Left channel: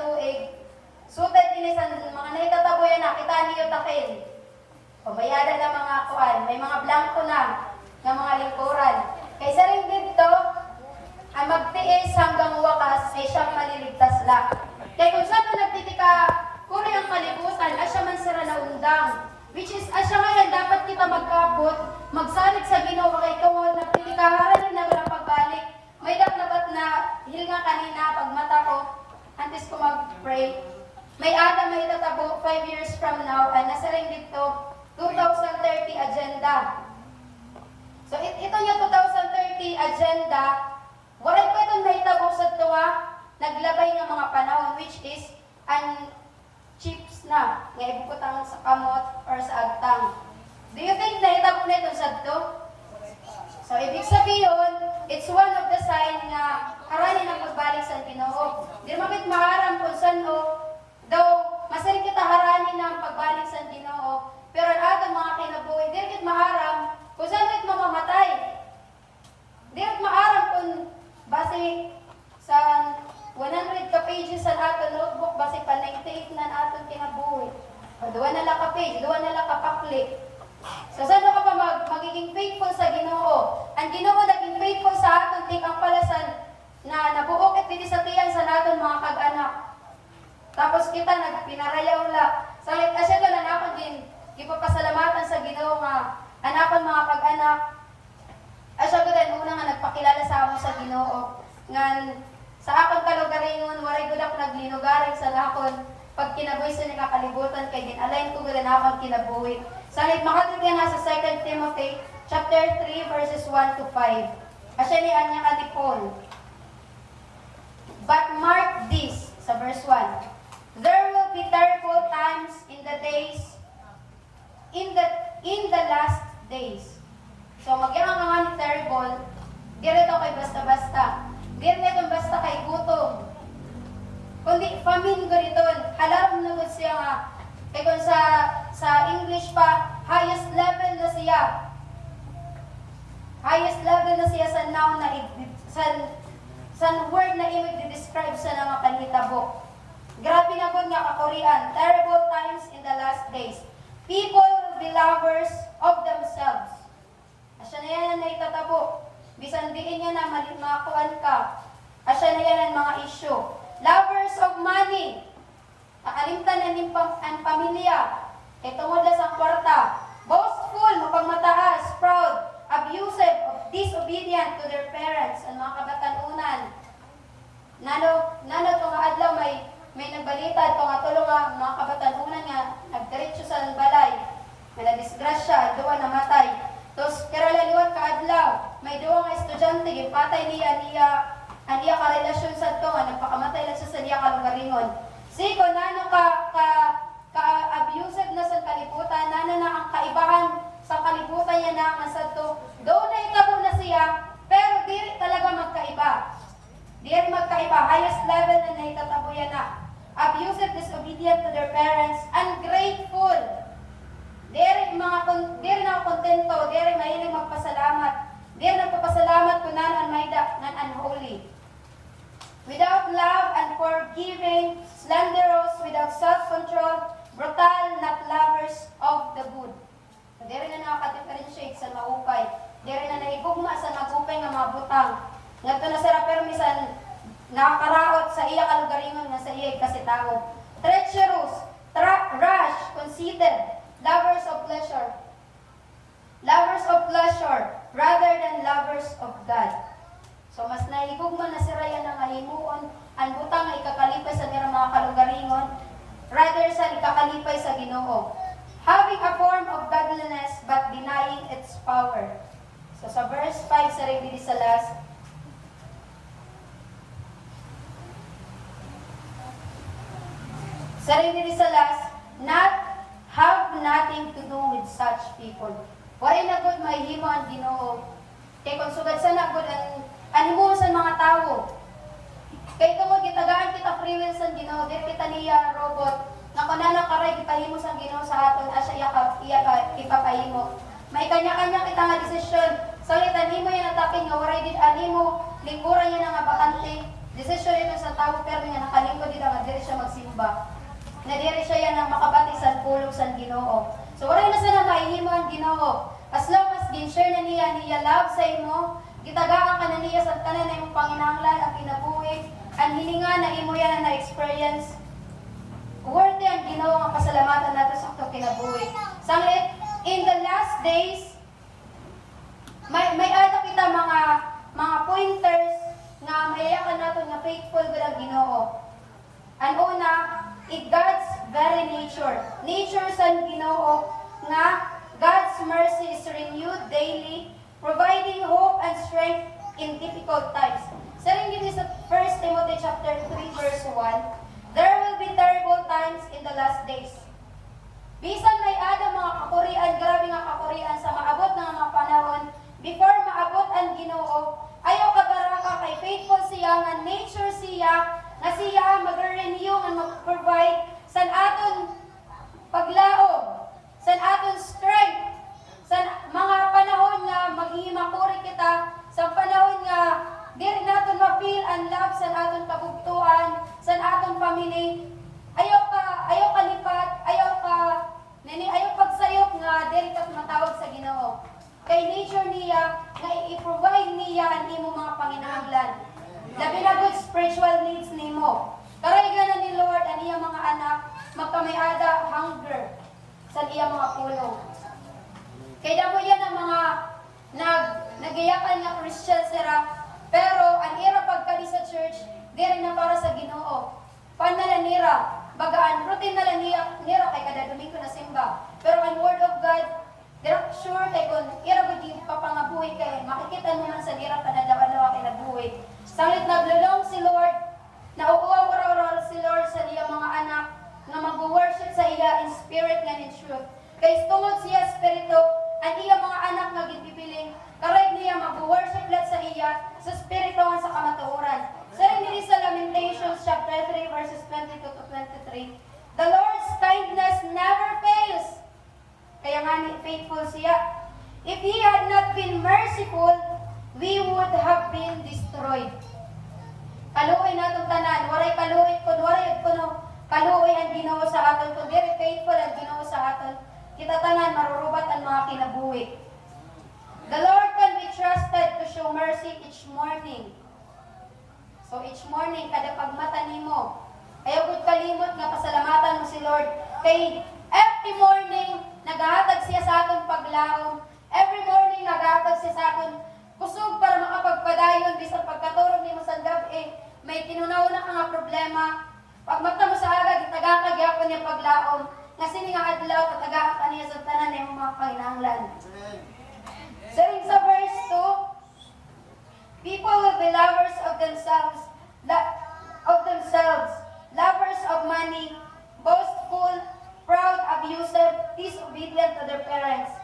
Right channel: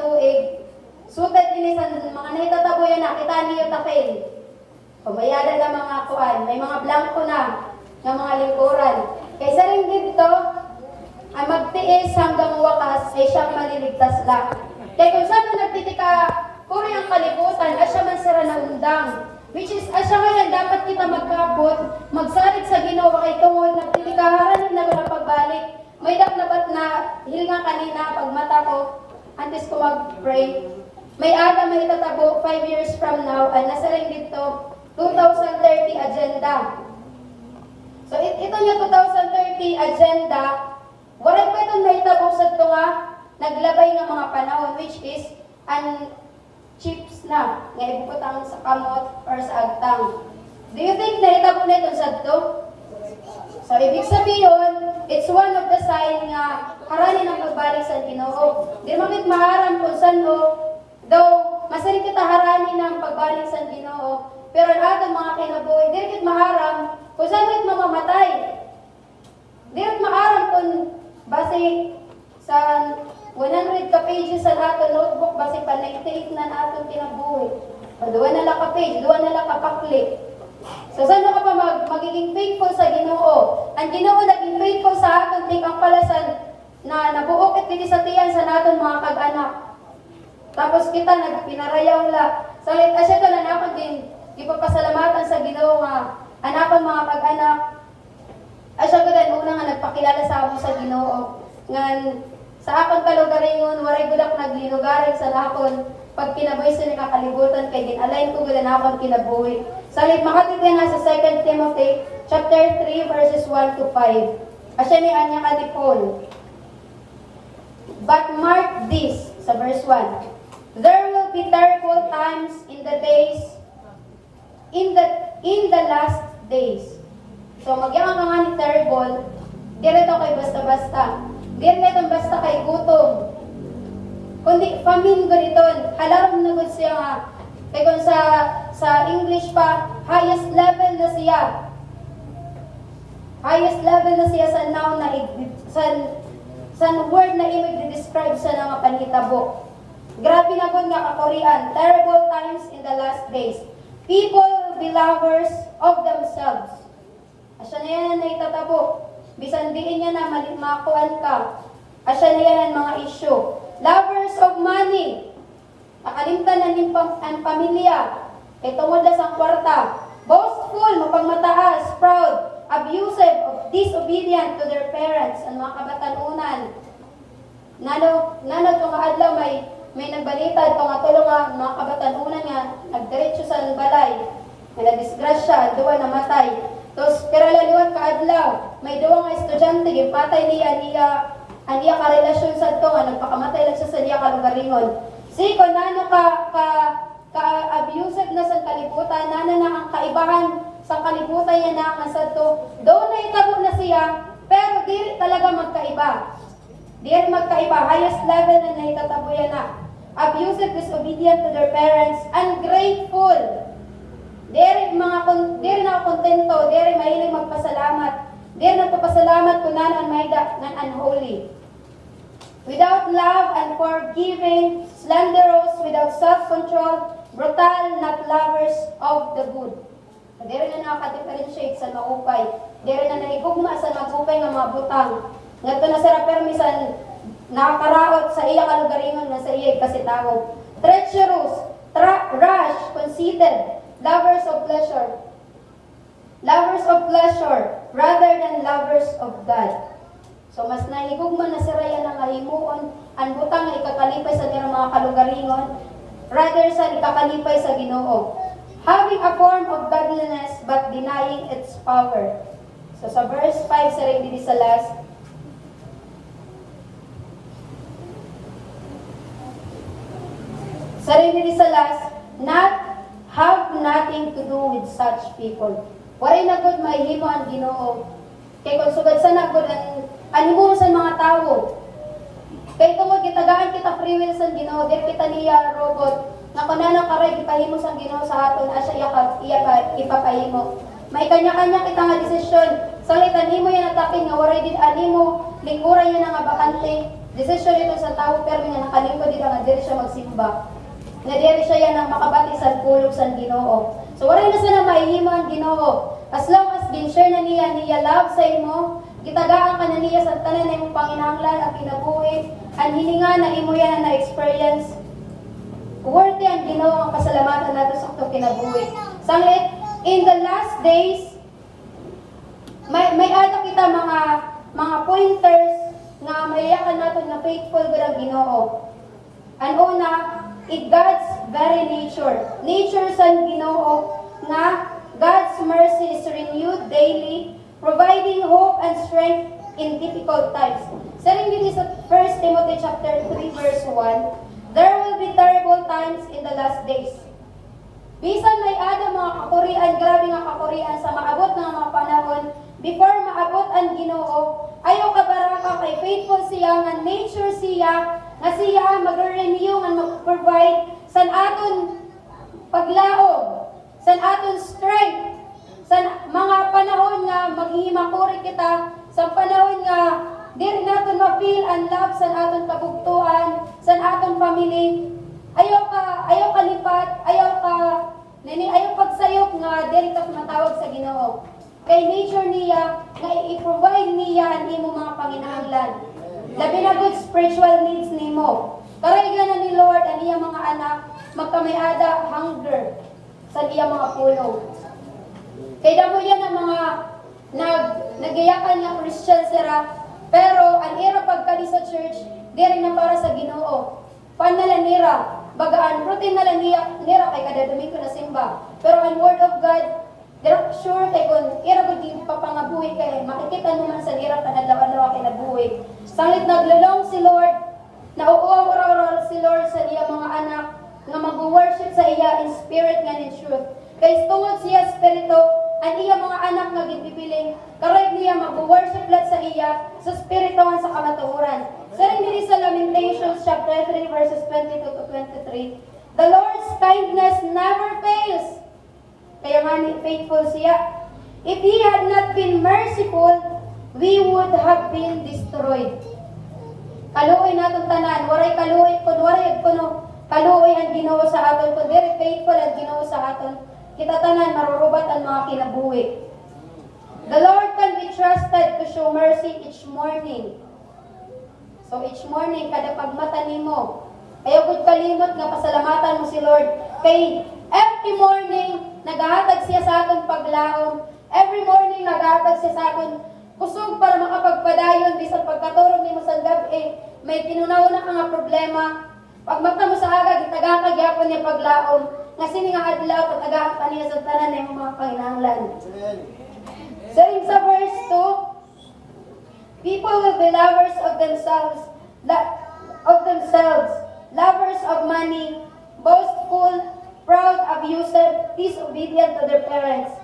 tuig, sutat ini sa mga naitataboyan na kita niyo takil. Pumayada na mga kuan, may mga blanco na ng mga lingkuran. Kaysa rin dito, ay magtiis hanggang wakas ay siyang maliligtas lang. Kaya kung saan nagtitika, puri ang kalibutan, asya man sira na undang. Which is, asya ngayon, dapat kita magkabot, magsalit sa Ginoo kay tungod, nagtitikaharan na walang pagbalik. May dapat na hilinga kanina, pag mata ko, antes ko mag-pray. May ada may tatabo 5 years from now, ay nasa rin dito, 2030 agenda. So, ito yung 2030 agenda, waray pa itong nahitabong sa ito nga, naglabay ng mga panahon, which is, chips na, nga ibuputang sa kamot or sa agtang. Do you think nahitabong na itong sa ito? So, ibig sabihin, it's one of the sign nga haranin ang pagbalik sa Ginoo. Di magit maharam kung saan though, masalit kita haranin ang pagbalik sa Ginoo, pero ang atong mga kinabuhi, di rin maharam kung saan rin mamamatay. Di rin maharam kung base sa 100 ka pages sa ato notebook, base pa 98 na atong kinabuhi. O, 2 na lang ka page, 2 na lang ka pakli. So, saan ka pa magiging faithful sa Ginoo? Ang Ginoo naging faithful sa aton, ting ang palasan na nabuokit dito sa tiyan sa naton mga kag-anak. Tapos kita nagpinarayaw la. So, asya ka na nakon din, ipapasalamatan sa Ginoo nga, anakon mga kag-anak. Asya ka din, una nga nagpakilala sa amo sa Ginoo. Nga, sa akong kalugaringon, waray gudak naglinugaring sa nakon, pag kinabay sa nakakalibutan kay din-align ko gula na akong kinabuhi. Salit makatid nga sa 2 Timothy chapter 3 verses 1 to 5. Asya ni Anya ka ni Paul. But mark this, sa verse 1. There will be terrible times in the days, in the last days. So, magyang nga ni terrible, dirito kay basta-basta. Dirito basta kay gutom. Kundi famine guniton, halaram na gud siya nga. Kaya kung sa English pa, highest level na siya. Highest level na siya sa noun na sa word na imig describe sa mga panhitabo. Grabe na gud nga ka-Korean, terrible times in the last days. People will be lovers of themselves. Asya na yan na naitatabo. Bisan diin niya na makuan ka. Asya na yan ang mga issue. Lovers of money. Nakalimtan na ning ang pamilya. Kay tungod na sa kwarta. Boastful, mapagmataas, proud, abusive, disobedient to their parents. Ang mga kabatanunan. Nano itong adlaw may nagbalitad kung atulong nga mga kabatanunan nga nagdiretso sa balay. May nadisgrasya, duwa namatay. Tapos kiralaliwan ka adlaw. May duwa nga estudyante, gipatay niya karelasyon sa ito nga, nagpakamatay lang siya sa niya kalugaringon. Kung nano ka-abusive na sa kalibutan, nano na ang kaibahan sa kalibutan niya na ang sa ito, doon na itabo na siya, pero diri talaga magkaiba. Diri magkaiba, highest level na nahitatabo yan na. Abusive, disobedient to their parents, ungrateful. Diri na kontento, diri mahiling magpasalamat. Diri nagpapasalamat kung nano ang maida ng unholy. Without love and forgiving, slanderous, without self-control, brutal, not lovers of the good. Diri na nakaka-differentiate sa maupay. Diri na naigugma sa magupay nga mga butang. Ngadto na sa permisan nakakaraot sa iya kalugaringon nga sa iya kasi tao. Treacherous, rash, conceited, lovers of pleasure. Lovers of pleasure rather than lovers of God. So mas naihigugma na si Raya na ngahimuon ang butang nga ikakalipay sa nila mga kalugaringon rather sa ikakalipay sa Ginoo. Having a form of godliness but denying its power. So sa verse 5 sa rin sa last, have nothing to do with such people. Waray na good mahihimo ang Ginoo. Kay kung sugad sa nagod ang animo sa mga tao. Kay tungod gitagaan kita free will sa Ginoo, dir kita niya robot. Nga kunana karay gipahimo sa Ginoo sa aton asya iya ipapahimo. May kanya-kanya kita nga desisyon. Salit animo yan atakin nga waray din animo lingkuran niya na nga bakante. Desisyon ito sa tao pero nga nakalingkod dito nga diri siya magsimba. Nga diri siya yan ang makabati sa pulong sa Ginoo. So wala na sana mahihimo ang Ginoo. As long as gin-share na niya love sa imo, gitagaan ka na niya sa tanan na imong panginahanglan ang kinabuhi, ang hininga na imo yan na experience. Worthy ang Ginoo ang pasalamatan nato sa atong kinabuhi. Sanglit, in the last days, may ato kita mga pointers nga mayayakan nato na faithful gud ang Ginoo. Ang una, God's very nature. Nature sa Ginoo nga God's mercy is renewed daily, providing hope and strength in difficult times. Saring dito sa 1 Timothy chapter 3 verse 1, there will be terrible times in the last days. Bisan may ada mga kakurian, grabe nga kakurian sa maabot ng mga panahon, before maabot ang Ginoo, ayaw ka baraka kay faithful siya, nga nature siya, nga siya mag-renew, nga mag-provide, san aton paglaog, san aton strength, sa mga panahon nga maghihimakuri kita, sa panahon nga diri naton ma-feel ang love sa aton kabugtuan, sa aton family. Ayaw ka lipat, ayaw pagsayop nga diri ka matawag sa Ginoo. Kay nature niya nga i-provide niya ang imong mga panginahanglan. Labi na good spiritual needs nimo. Karaygan na ni Lord ang iyang mga anak magkamayada hunger sa iyang mga pulong. Kay damo yan ang mga nagayakan nga Christian sira, pero ang ira pagkali sa church, diri na para sa Ginoo. Panala nira, bagaan routine na lang nira kay kada Domingo na simba. Pero ang word of God, dira sure kay kun ira gud di papangabuhi kay makikita mo man sa nira panadlaw-adlaw kay nabuhi. Sanglit naglulong si Lord, nauuaw ora si Lord sa iya mga anak nga mag-worship sa iya in spirit and in truth. Kay tungod siya spirito, ang iya mga anak nga ginpipiling, karay niya mag-worship lang sa iya sa spirito nga sa kamatuoran. Sa rin diri sa Lamentations chapter 3 verses 22 to 23, the Lord's kindness never fails. Kaya nga ni faithful siya. If He had not been merciful, we would have been destroyed. Kaluoy natong tanan, waray kaluoy kuno kaluoy ang Ginoo sa aton, kun very faithful ang Ginoo sa aton. Kita tanan marurubat ang mga kinabuhi. The Lord can be trusted to show mercy each morning. So each morning kada pagmata nimo, ayaw gud kalimot nga pasalamatan mo si Lord kay every morning nagahatag siya sa aton paglaom. Every morning nagahatag siya sa aton kusog para makapagpadayon bisan pagkaturog nimo sa gabi, may tinunaw na nga problema. Pagmata mo sa aga gitagantag gyapon niya paglaom. Nga sini nga adlaw patagahan kaniya sa tanan ng mga panginahanglan. So in sa verse 2, people will be lovers of themselves, lovers of money, boastful, proud, abusive, disobedient to their parents.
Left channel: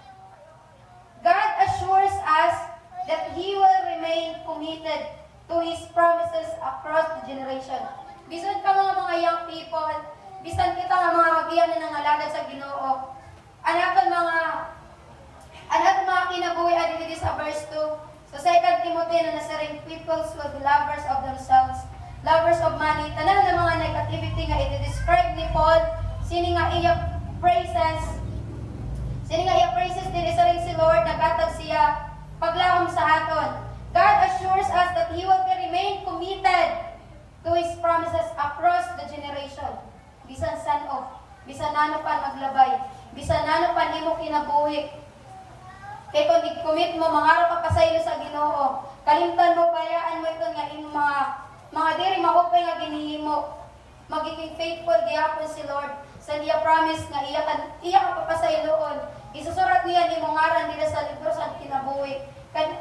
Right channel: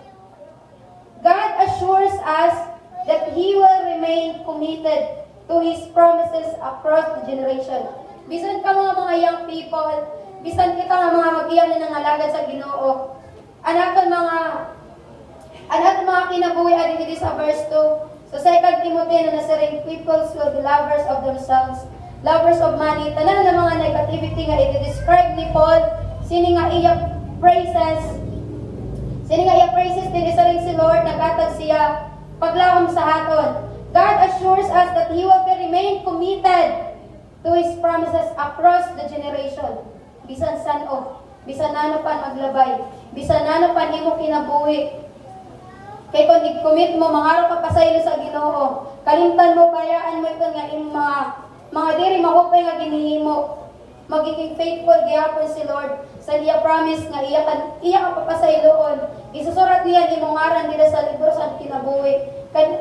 God assures us that He will remain committed to His promises across the generation. Bisan ka mga young people, bisan kita nga mga mag-iyan na nangalagad sa Ginoo, anaton mga kinabuhi adili sa verse 2. So 2 Timothy na nasaring peoples will be lovers of themselves, lovers of money. Tanan na mga negativity nga i-describe ni Paul, sini nga iya praises dili sa ring si Lord nagatag siya paglahom sa haton. God assures us that He will remain committed to His promises across the generation. Bisan saan bisan nano pa naglabay, bisan nano pa nimo kinabuhi. Kay kung i-commit mo, mangarap ka pa sa ilo sa Ginoo. Kalimtan mo, kayaan mo ito nga yung mga diri mahupay nga ginihimo. Magiging faithful gihapon si Lord sa iya promise nga iya ka pa sa iloon. Isusurat niya ni mong ngaran nila sa libro sa kinabuhi.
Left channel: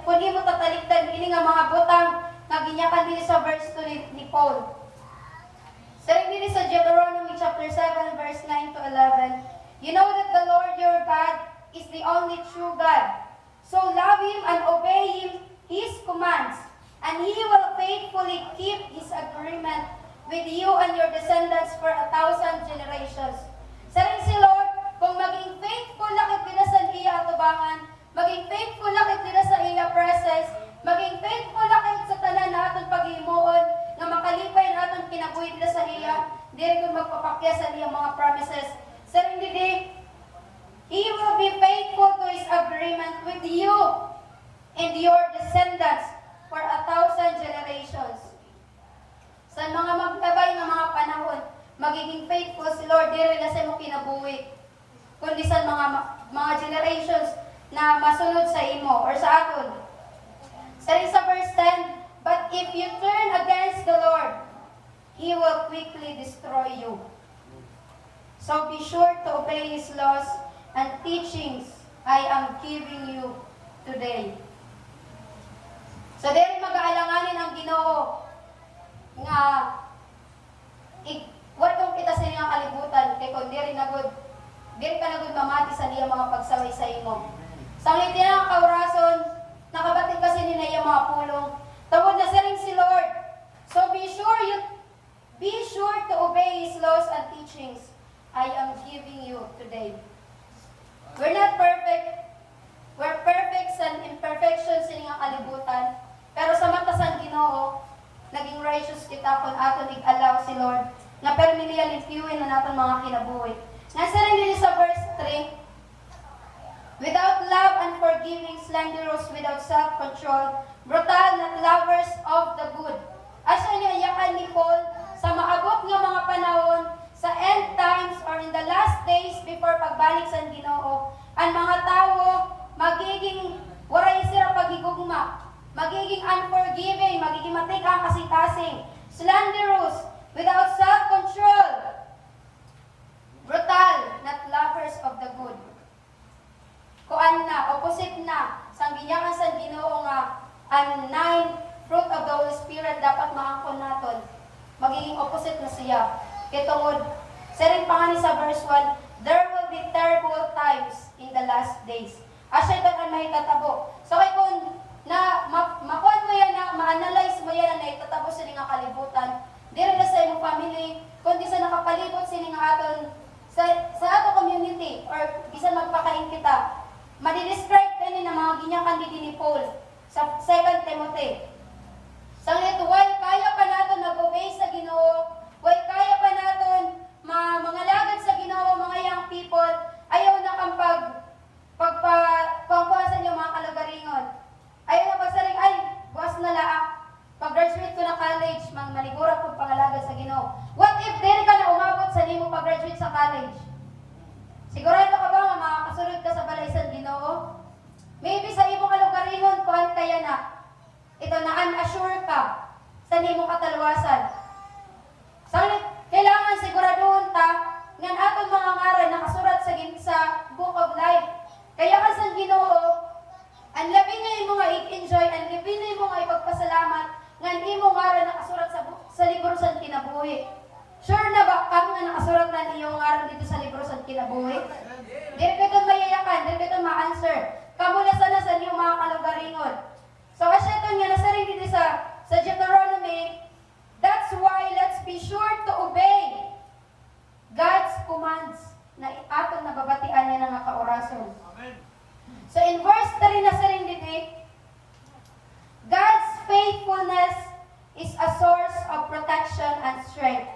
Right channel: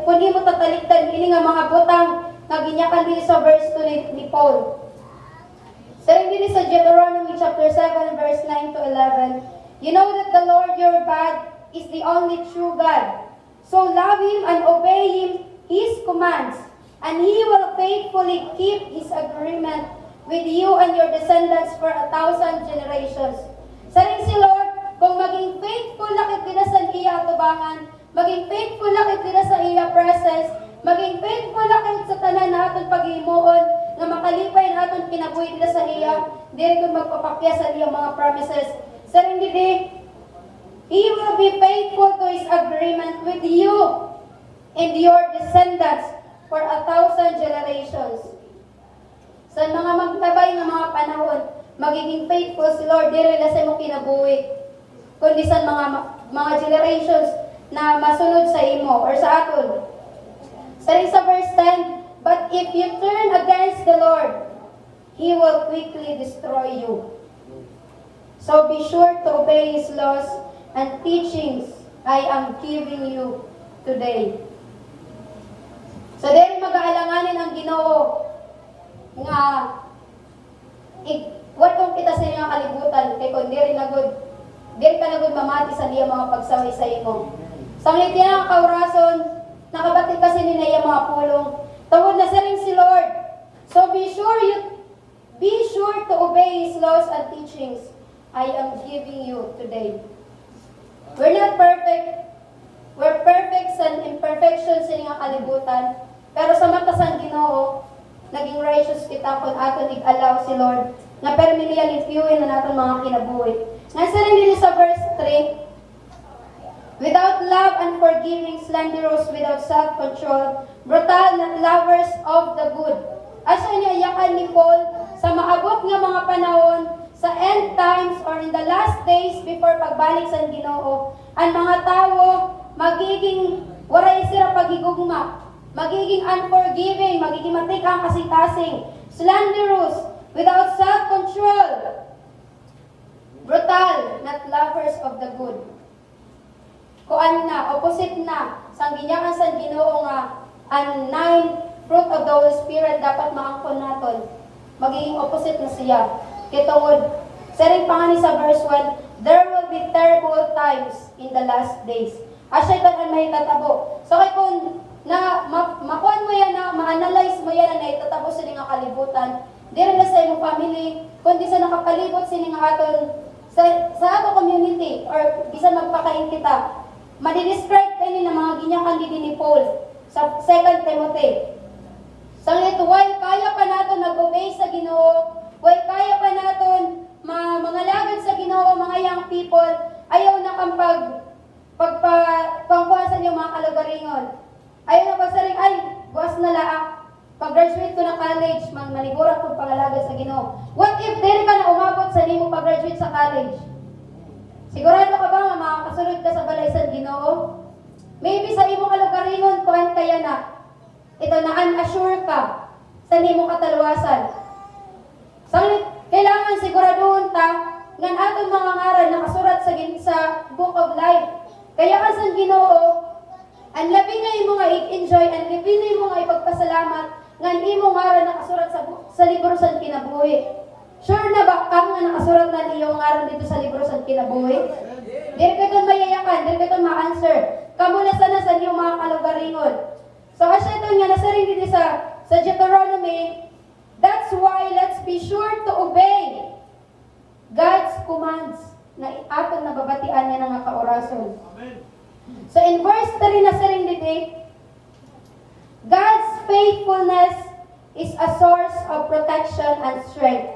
Kung di mo tatalikdan, ini nga mga butang nga ginyakan dili sa verse 2 ni Paul. Saring dili sa Deuteronomy chapter 7 verse 9 to 11, you know that the Lord your God is the only true God. So love Him and obey His commands, and He will faithfully keep His agreement with you and your descendants for 1,000 generations. Saring si Lord, kung maging faithful na kita sa iya atubangan, maging faithful na kita sa iya presence, maging faithful na kita sa tanan aton paghimuon nga makalipay na aton kinabuhi nila sa iya, diri kun magpapakya sa iya mga promises. Sa ring didi, He will be faithful to His agreement with you and your descendants for 1,000 generations. Sa mga magtabay nga mga panahon, magiging faithful si Lord diri na sa imong kinabuhi. Kundi sa mga generations na masunod sa imo or sa aton. Sa verse 10, but if you turn against the Lord, He will quickly destroy you. So be sure to obey His laws and teachings I am giving you today. So diri mag-aalanganin ang Ginoo nga watong kita sa iyang kalibutan kay kun diri ka na gud mamati sa diya mga pagsaway sa imo. Sanglit niya ang kaurason, nakabatid kasi ni niya mga pulong. Tawod na sa ring si Lord. So be sure to obey His laws and teachings I am giving you today. We're not perfect. We're perfect sa imperfections sa iyang kalibutan. Pero sa mata sa Ginoo, naging righteous kita kung aton ig-allow si Lord na permilya limpyuin na natin mga kinabuhi. Nasa rin din sa verse 3, without love and forgiving, slanderous, without self-control, brutal, not lovers of the good. Asa niyayakan ni Paul sa maabot nga mga panahon, sa end times or in the last days before pagbalik sa Ginoo, ang mga tao magiging waray sila pagigugma, magiging unforgiving, magiging matikang kasing-kasing, slanderous, without self-control, brutal, not lovers of the good. Kuan na, opposite na, sang ginyakan sa Ginoo nga, ang 9 fruit of the Holy Spirit dapat maangkon naton. Magiging opposite na siya. Kitungod, sering pangani sa verse 1, there will be terrible times in the last days. Asya ito ang may tatabo. So kay kung makuan mo yan na, ma-analyze mo yan na itatabo sa nga kalibutan, diri na sa iyong family, kundi sa nakapalibot sini nga aton sa ato community or bisan magpakain kita. Madi-describe kani na mga ginyakan ni Paul sa 2 Timothy. Sanglit why kaya pa naton nag-obey sa Ginoo, why kaya pa naton mga lagad sa Ginoo, mga young people, ayaw na kang pagkuhan sa inyo mga kalugaringon. Ayaw na pagsaring, ay, buwas na laang. Pag-graduate ko na college, manigurat ko pangalagad sa Ginoo. What if diri ka na umabot sa nimo pag-graduate sa college? Sigurado ka ba nga makakasunod ka sa balay sa Ginoo? Maybe sa imong kalugaringon, kuhan kaya na. Ito na unassure ka sa nimo kataluwasan. Kailangan siguraduhon ta nga atong mga ngaran nakasurat sa Book of Life. Kaya ka sa Ginoo, ang labi na imo nga i-enjoy, ang labi na imo nga ipagpasalamat nga imo ngaran nakasurat sa libro sa kinabuhi. Sure na ba kamo nga nakasurat na iyong ngaran dito sa libro sa kinabuhi? Dili ka itong mayayakan, dili ka itong ma-answer. Kamo na sana sa iyong mga kalugaringon. So asya ito nga nasa rin dito sa Deuteronomy. That's why let's be sure to obey God's commands na atong nababatian niya ng mga kaorason. So in verse 3 na sa rin dito, God's faithfulness is a source of protection and strength,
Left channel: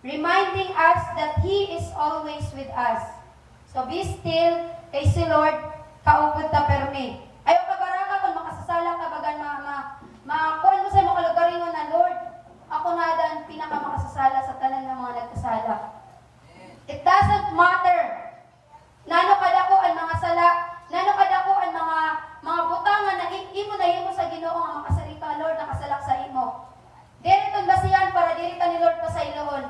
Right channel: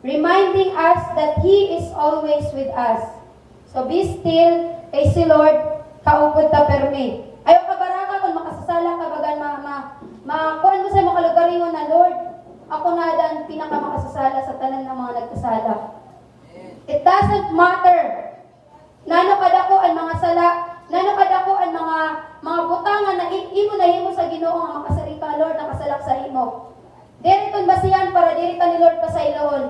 reminding us that He is always with us. So be still, kay si Lord, kaupod ta permi. Ayaw ka baraka kung makasasala ka bagan kuan mo sa mga kalugaringon na Lord, ako na dan pinakamakasasala sa tanan ng mga nagkasala. It doesn't matter. Nano kadako ang mga sala, nano kadako ang mga butangan na imo na himo sa Ginoo nga makasali ka Lord nakasalak sa imo. Diri ton basihan para diri ka ni Lord pasayloon.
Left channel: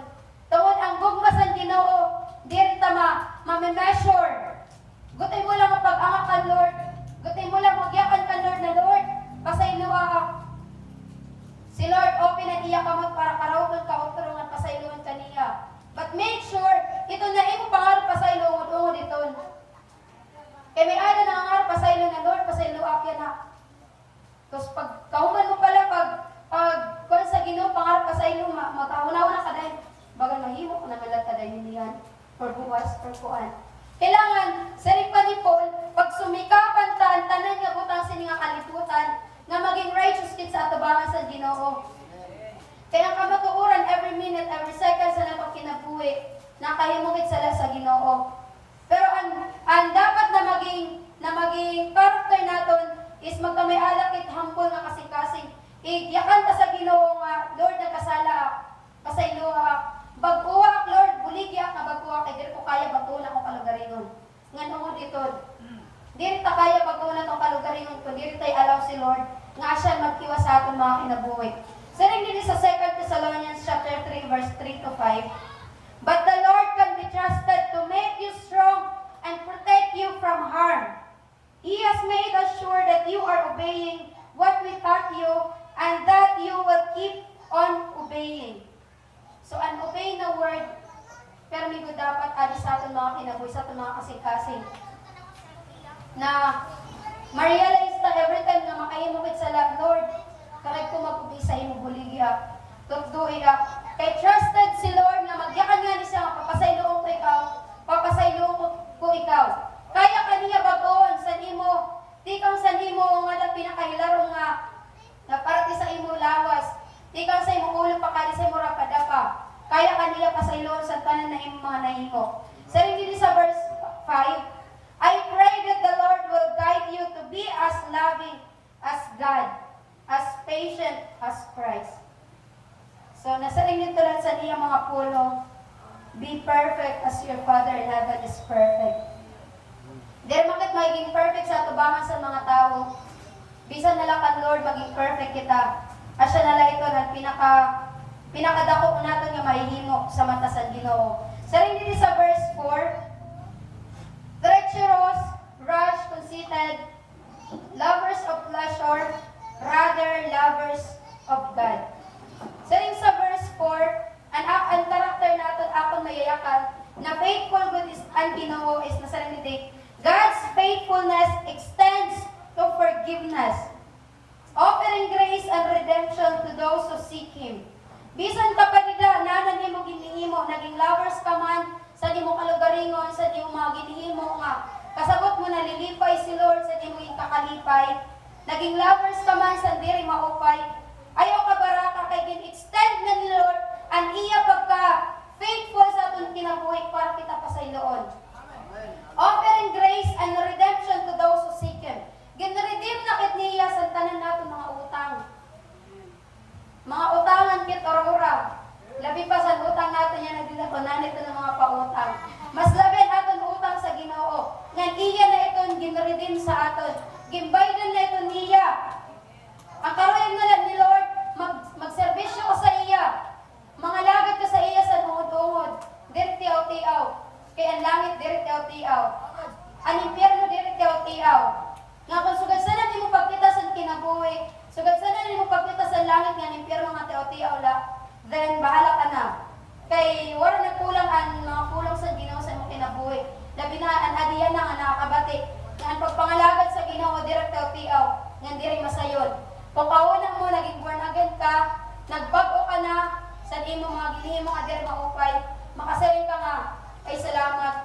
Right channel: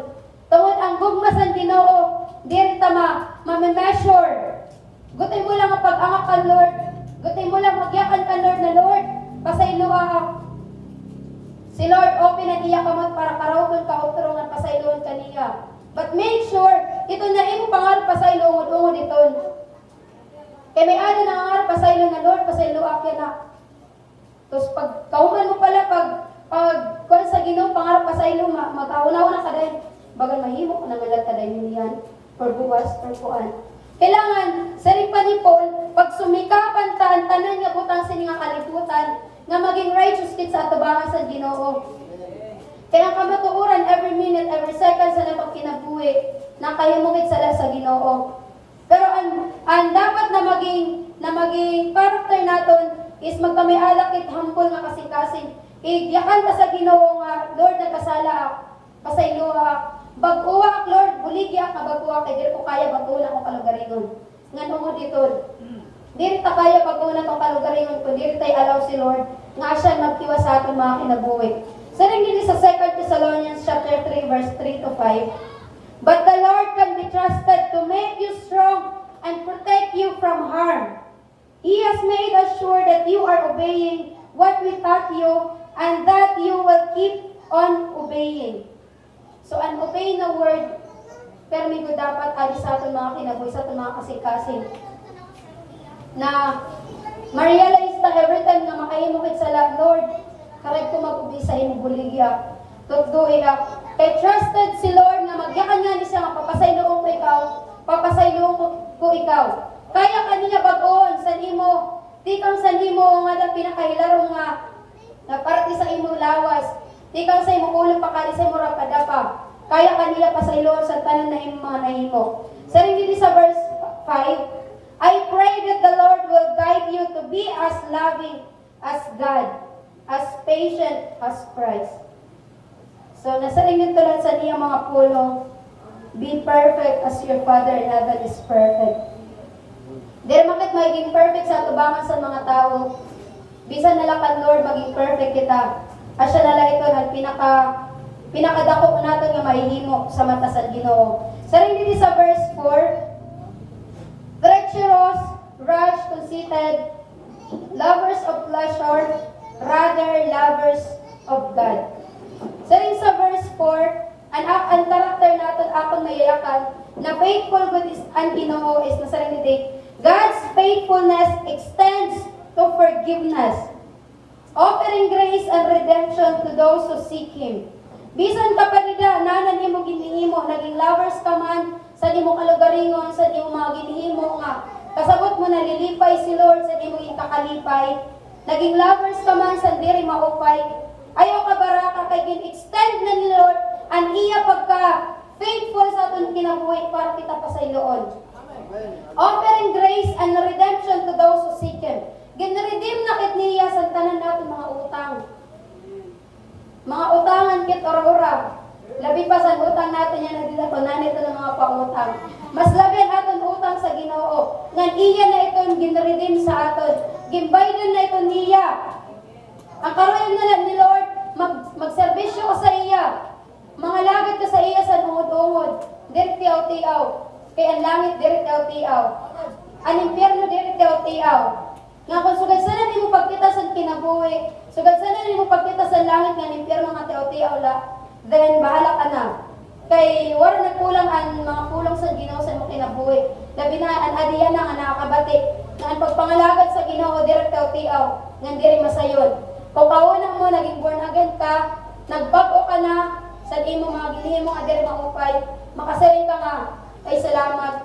Tungod ang gugma sa Ginoo, diri ta ma-measure. Gutay mo lang ang pag-angak kan Lord. Gutay mo lang magyakan kan Lord na Lord, pasayloa ka. Si Lord open ang iya kamot para karawton ka utro nga pasayloon kaniya. But make sure ito na imo pangarap pasayloon ungod iton. Kay may ano na ang arap pasayloon na Lord, pasaylo akya na. Tapos pag kauman mo pala pag kuan sa Ginoo pangarap pasaylo mag-aunaw na kaday. Bagal mahimo na nalag kaday niyan for buwas for kuan. Kailangan sa pa ni Paul pag sumikapan tanan nga butang sini nga kalibutan nga maging righteous kit sa atubangan sa Ginoo. second sa natong kinabuhi, nakahimungit sila sa Ginoo. Pero ang dapat na maging character naton is magkamiala kit humble nga kasing-kasing. Igyakan ka sa Ginoo nga, Lord, nagkasala ak, pasaylo ak, bag-uwa ak, Lord, buligya ka bag-uwa kay diri ko kaya bag-uwa ko kalugaringon. Nga nungod dito, diri ta kaya bag-uwa tong kalugaringon kung diri tay allow si Lord nga siya magtiwa sa aton mga kinabuhi. So rin dito sa 2 Thessalonians chapter 3 verse 3 to 5. But the Lord can be trusted to make you strong and protect you from harm. He has made us sure that you are obeying what we taught you and that you will keep on obeying. So an obey na word, pero migo dapat adi sa aton mga kinabuhi, sa aton mga kasing-kasing. Na ma-realize ta every time na makahimukit sa Lord, karag ko mag-ubi sa imong buligya. Tutduhi ak. Kay trusted si Lord na magyakan nga ni siya mapapasayloong ko ikaw, papasayloong ko ikaw. Kaya kaniya bagoon sa nimo, tikang sa nimo nga pinakahilarong nga parte sa imong lawas. Tikang sa imong ulo pakali sa imong rapadapa. Kaya kaniya pasayloon sa tanan na imong mga nahimo. Sa rin dito sa verse 5, I pray that the Lord will guide you to be as loving as God, as patient as Christ. So, nasa rin yung tulad sa niya mga puno, be perfect as your Father in heaven is perfect. Dahil bakit magiging perfect sa atubangan sa mga tao? Bisan nalakan Lord, maging perfect kita. Asya nala ito na pinakadako ko natin nga mahihimo sa mata sa Ginoo. Sa rin dito sa verse 4, treacherous, rash, conceited, lovers of pleasure, rather lovers of God. Sa rin sa verse 4, ang karakter natin akong mayayakan na faithful good is ang Ginoo is nasa rin dito, God's faithfulness extends to forgiveness, offering grace and redemption to those who seek Him. Bisan kapanida, nanan imo ginihimo, naging lovers ka man, sa imo kalugaringon, sa imo mga ginihimo nga, kasabot mo na lilipay si Lord, sa imo ikakalipay, naging lovers ka man, sa diri maupay, ayaw ka baraka, kay gin-extend na ni Lord, ang iya pagka faithful sa atong kinabuhi para kita pa sa iloon. Offering grace and redemption to those who seek Him. Gin-redeem na kit niya sa tanan natin mga utang. Mga utangan kit ora-ora. Labi pa sa utang natin yan na dito, nanito ng mga pautang. Mas labi aton utang sa Ginoo. Ngan iya na iton gin-redeem sa aton. Gimbaydan na iton niya. Ang karoon na lang ni Lord, magserbisyo ko sa iya. Mga lagad ka sa iya sa ungod-ungod. Diri tiaw-tiaw. Kaya ang langit diri tiaw-tiaw. Ang impyerno diri tiaw-tiaw. Nga kung sugad sana di mo pagkita sa kinabuhi, sugad sana di mo pagkita sa langit nga ang impyerno nga tiaw-tiaw la, then bahala ka na. Kay wala nagkulang ang mga kulang sa Ginoo sa imong kinabuhi. Labi na ang adiyan na nga nakakabati. Nga ang pagpangalagad sa Ginoo diri tiaw-tiaw, nga diri masayod. Kung kauna mo naging born again ka, nagbag-o ka na sa imo mga ginihimo nga diri maupay, makasaling ka nga ay salamat.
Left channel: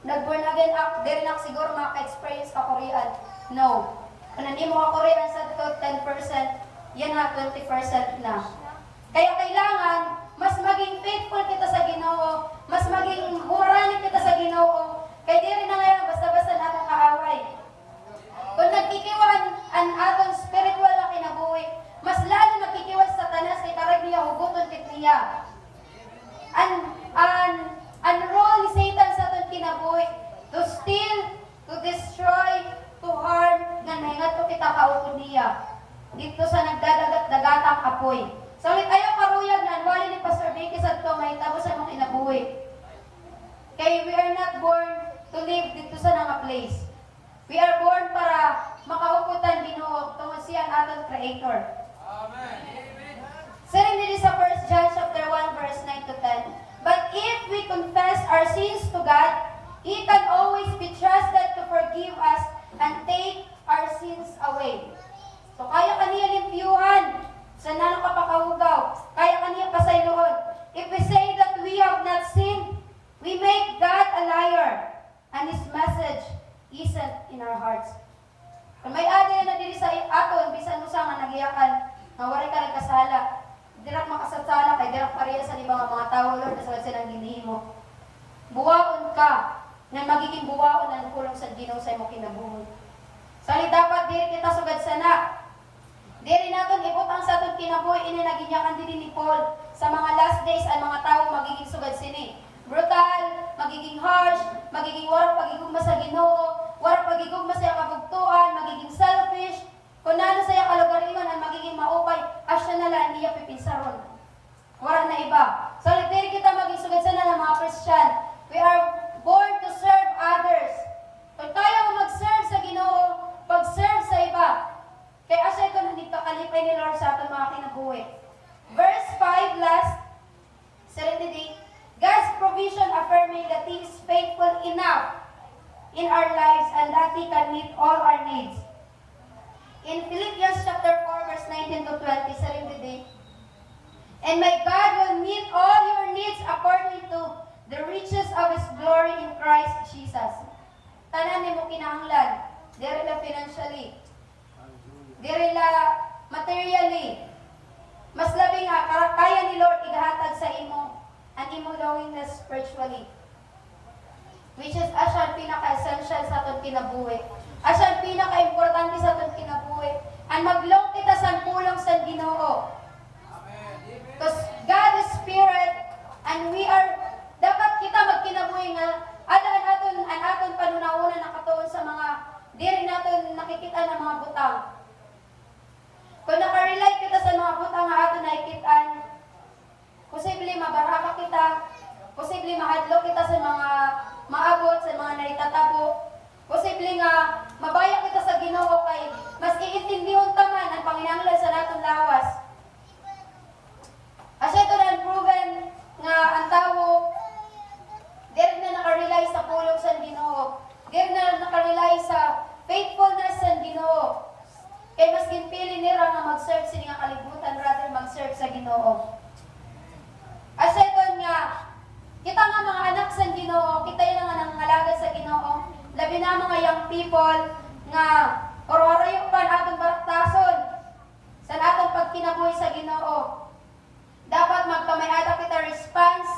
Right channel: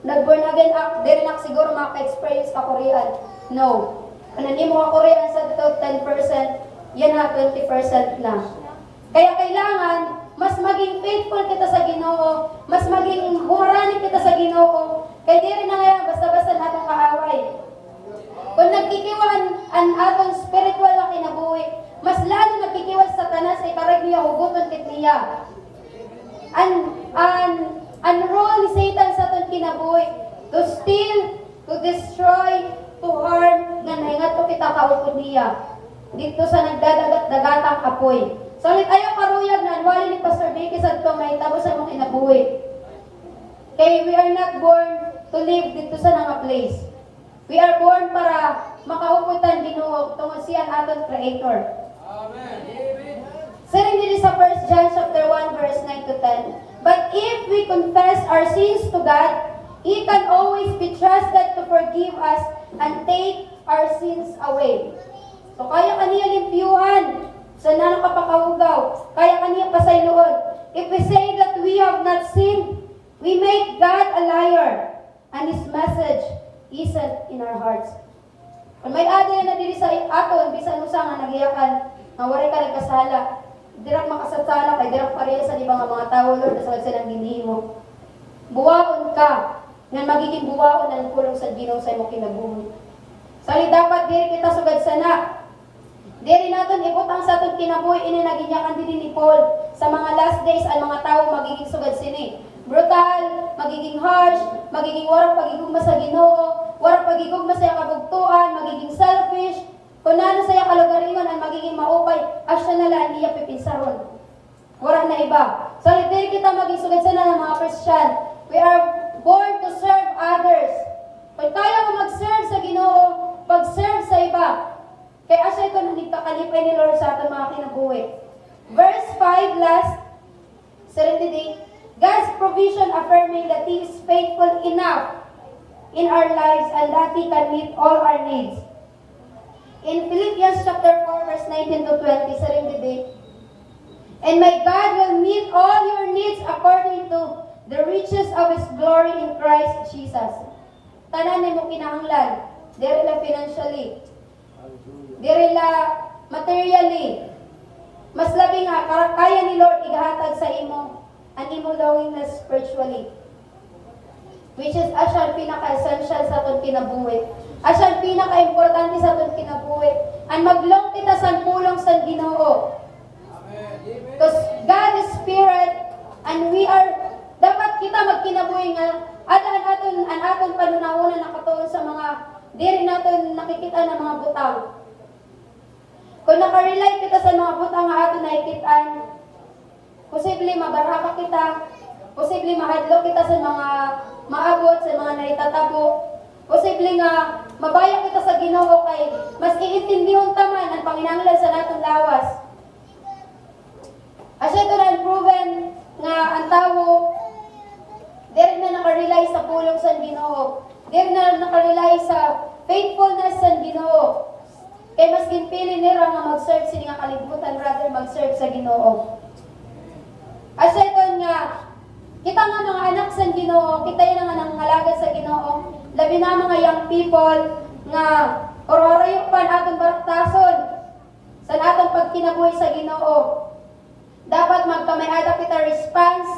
Nag-born again ako, diri na siguro maka-experience ka Korean. No. Kung hindi mo ka Korean sa 10%, yan na 20% na. Kaya kailangan, mas maging faithful kita sa Ginoo, mas maging humorani kita sa Ginoo, kaya diri na ngayon, basta-basta natong kaaway. Kung nagkikiwan ang atong spiritual na kinabuhi, mas lalo nagkikiwan sa tanas kay karag niya huguton kit niya. Ang role ni Satan sa atong kinabuhi, to steal, to destroy, to harm, nga nahingat to kita kaupod niya. Dito sa nagdadagat-dagatang apoy. So, ayaw karuyag na anwali ni Pastor Becky sa ito, may tabo sa mong kinabuhi. Kaya we are not born to live dito sa nga place. We are born para makauputan Ginoo tungod siya ang aton Creator. Amen. Siring dito sa 1 John chapter 1 verse 9 to 10. But if we confess our sins to God, He can always be trusted to forgive us and take our sins away. So kaya kaniya limpyuhan sa nanong kapakahugaw, kaya kaniya pasayloon. If we say that we have not sinned, we make God a liar, and His message isn't in our hearts. Kung may adaya na dili sa aton, bisan usa nga nagiyakan, nga wala ka nagkasala, dirak makasatsana kay dirak pareha sa ibang mga tao Lord sa silang ginhimo. Buwaon ka nga magiging buwaon ang pulong sa Ginoo sa imong kinabuhi. Sali dapat diri kita sugad sana. Diri naton ibutang sa aton kinabuhi ini naginyakan din ni Paul sa mga last days ang mga tao magiging sugad sini. Brutal, magiging harsh, magiging warang pagigugma sa Ginoo, warang pagigugma sa kabugtuan, magiging selfish. Kung nano sa kalugaringon ang magiging maupay, asya na lang iya pipinsaron. Wala na iba. So, dili kita maging sugad sana ng mga Christian. We are born to serve others. Kung kaya mo mag-serve sa Ginoo, pag-serve sa iba. Kaya asya ito nang kalipay ni Lord sa ating mga kinabuhi. Verse 5, last, 78. God's provision affirming that He is faithful enough in our lives and that He can meet all our needs. In Philippians chapter 4, verse 19 to 20, 78. And my God will meet all your needs according to the riches of His glory in Christ Jesus. Tanan mo kinahanglan, diri la financially, diri la materially. Mas labi nga kaya ni Lord igahatag sa imo ang imo willingness spiritually. Which is asyan pinaka-essential sa aton kinabuhi. Asyan pinaka-importante sa aton kinabuhi. Ang maglong kita sa pulong sa Ginoo. Because God is Spirit and we are, dapat kita magkinabuhi nga ang aton panunahunan nakatuon sa mga diri naton nakikita ng mga butang. Kung nakarelate kita sa mga butang nga aton nakikitaan, posible mabaraka kita, posible mahadlok kita sa mga maabot, sa mga naitatabo, posible nga mabaya kita sa Ginoo kay mas iintindihon ta man ang panginahanglan sa natong lawas. Asya ito na proven nga ang tao diri na nakarely sa pulong sa Ginoo, diri na nakarely sa faithfulness sa Ginoo. Kay mas ginpili nila nga mag-serve sila nga kalibutan rather mag-serve sa Ginoo. Asya ito nga kita nga mga anak sa Ginoo, kita yung nga nangalagad sa Ginoo, labi na mga young people nga orarayo pa atong baraktason sa atong pagkinabuhi sa Ginoo. Dapat magkamayada kita response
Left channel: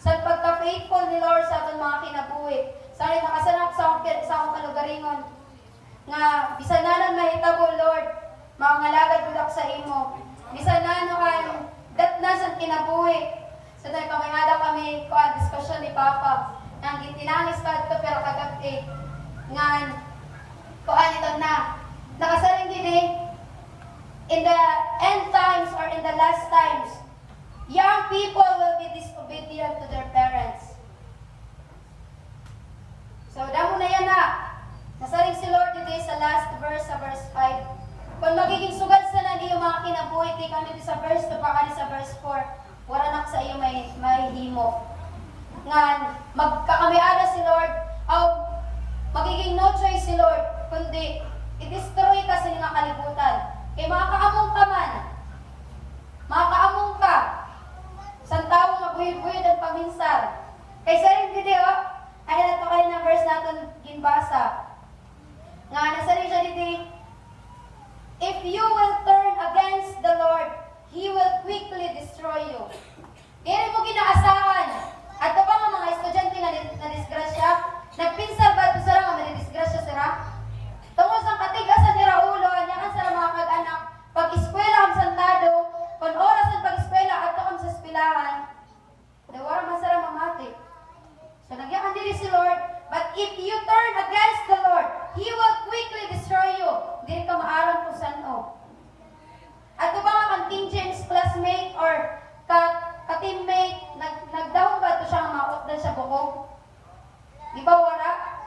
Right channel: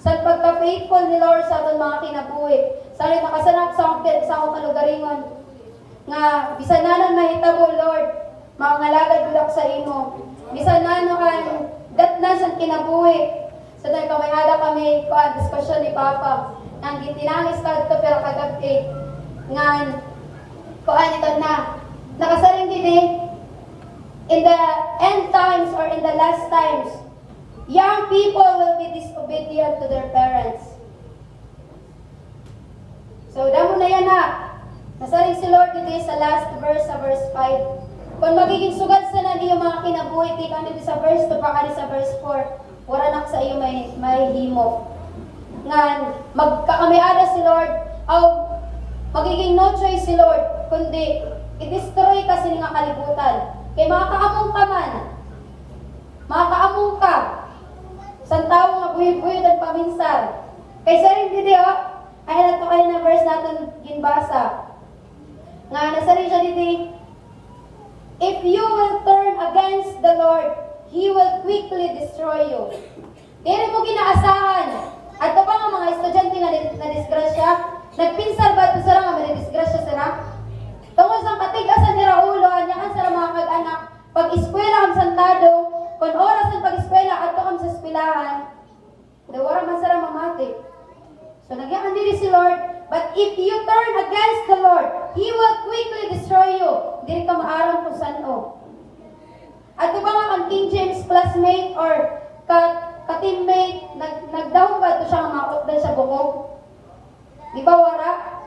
sa pagka-faithful ni Lord sa atong mga kinabuhi. Salit nakasanap sa akong kalugaringon nga bisan nanon mahitabo Lord, maangalagad bulak sa imo. Bisan nanon ang datnas ang kinabuhi. So dahil kamayada kami diskusyon ni Papa nang gitinangis ka ito pero kagabi nga kuan ito na nakasaring din in the end times or in the last times young people will be disobedient to their parents. So damo na yan na nasaring si Lord today sa last verse sa verse 5 kung magiging sugat sa na yung mga kinabuhi di kami sa verse 2 pa sa verse 4 wala na sa iyo may himo. Nga, magkakamiada si Lord, o magiging no choice si Lord, kundi i-destroy kasi nga kalibutan. Kaya mga kaamong ka man, mga kaamong ka, sa tao nga buyod-buyod ang paminsar. Kaya sa rin video, ay nato kayo na verse natin ginbasa. Nga, nasa rin siya dito, if you will turn against the Lord, He will quickly destroy you. Dili mo ginaasahan. At pa nga mga estudyante nga na-disgrasya, nagpinsar ba ito sila nga ma-disgrasya sila? Tungkol sa katigasan ni Raulo, anyakan sila mga kag-anak, pag-eskwela ang santado, kung oras ang pag-eskwela, ato kang sa eskwelahan, dawara man sila mamati. So nagyakan dili si Lord, but if you turn against the Lord, He will quickly destroy you. Dili ka maaram kung saan o. At ba nga kang King James classmate or ka-teammate, nagdahong ba ito siya nga maotdan sa bukog? Di ba wara?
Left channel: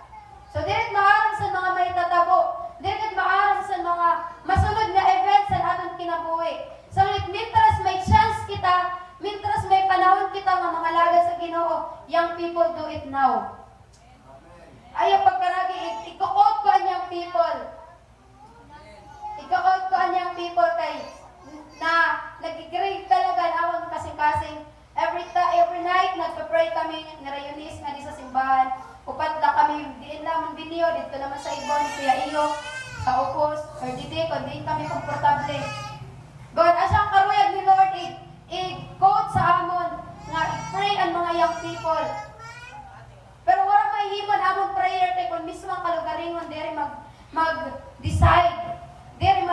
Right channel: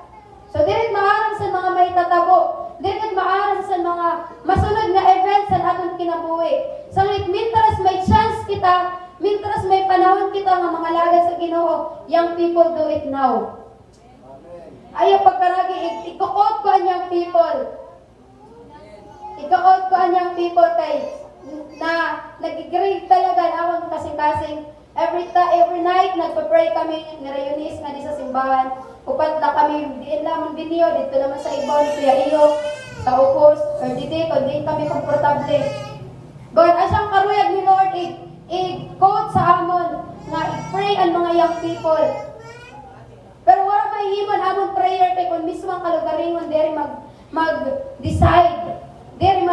So, dirit maaram sa mga may tatabo. Dirit maaram sa mga masunod na events sa atong kinabuhi. So, mintras may chance kita, mintras may panahon kita nga mga lagad sa Ginoo, young people do it now. Ayaw pagkaragi, ikukot ko ang young people. Ika-out ko ang young people kay na nag-grade talaga na akong kasing-kasing. Every night, nagpa-pray kami, nirayunis nga di sa simbahan. Upat na kami, diin lamang video, dito naman sa ibon, kuya iyo, sa upos, or dito, kung di kami komportable. God, asyang karuyag ni Lord, young people. Pero wala mahihimon among prayer kay kung mismo ang kalugaringon diri mag-decide. Diri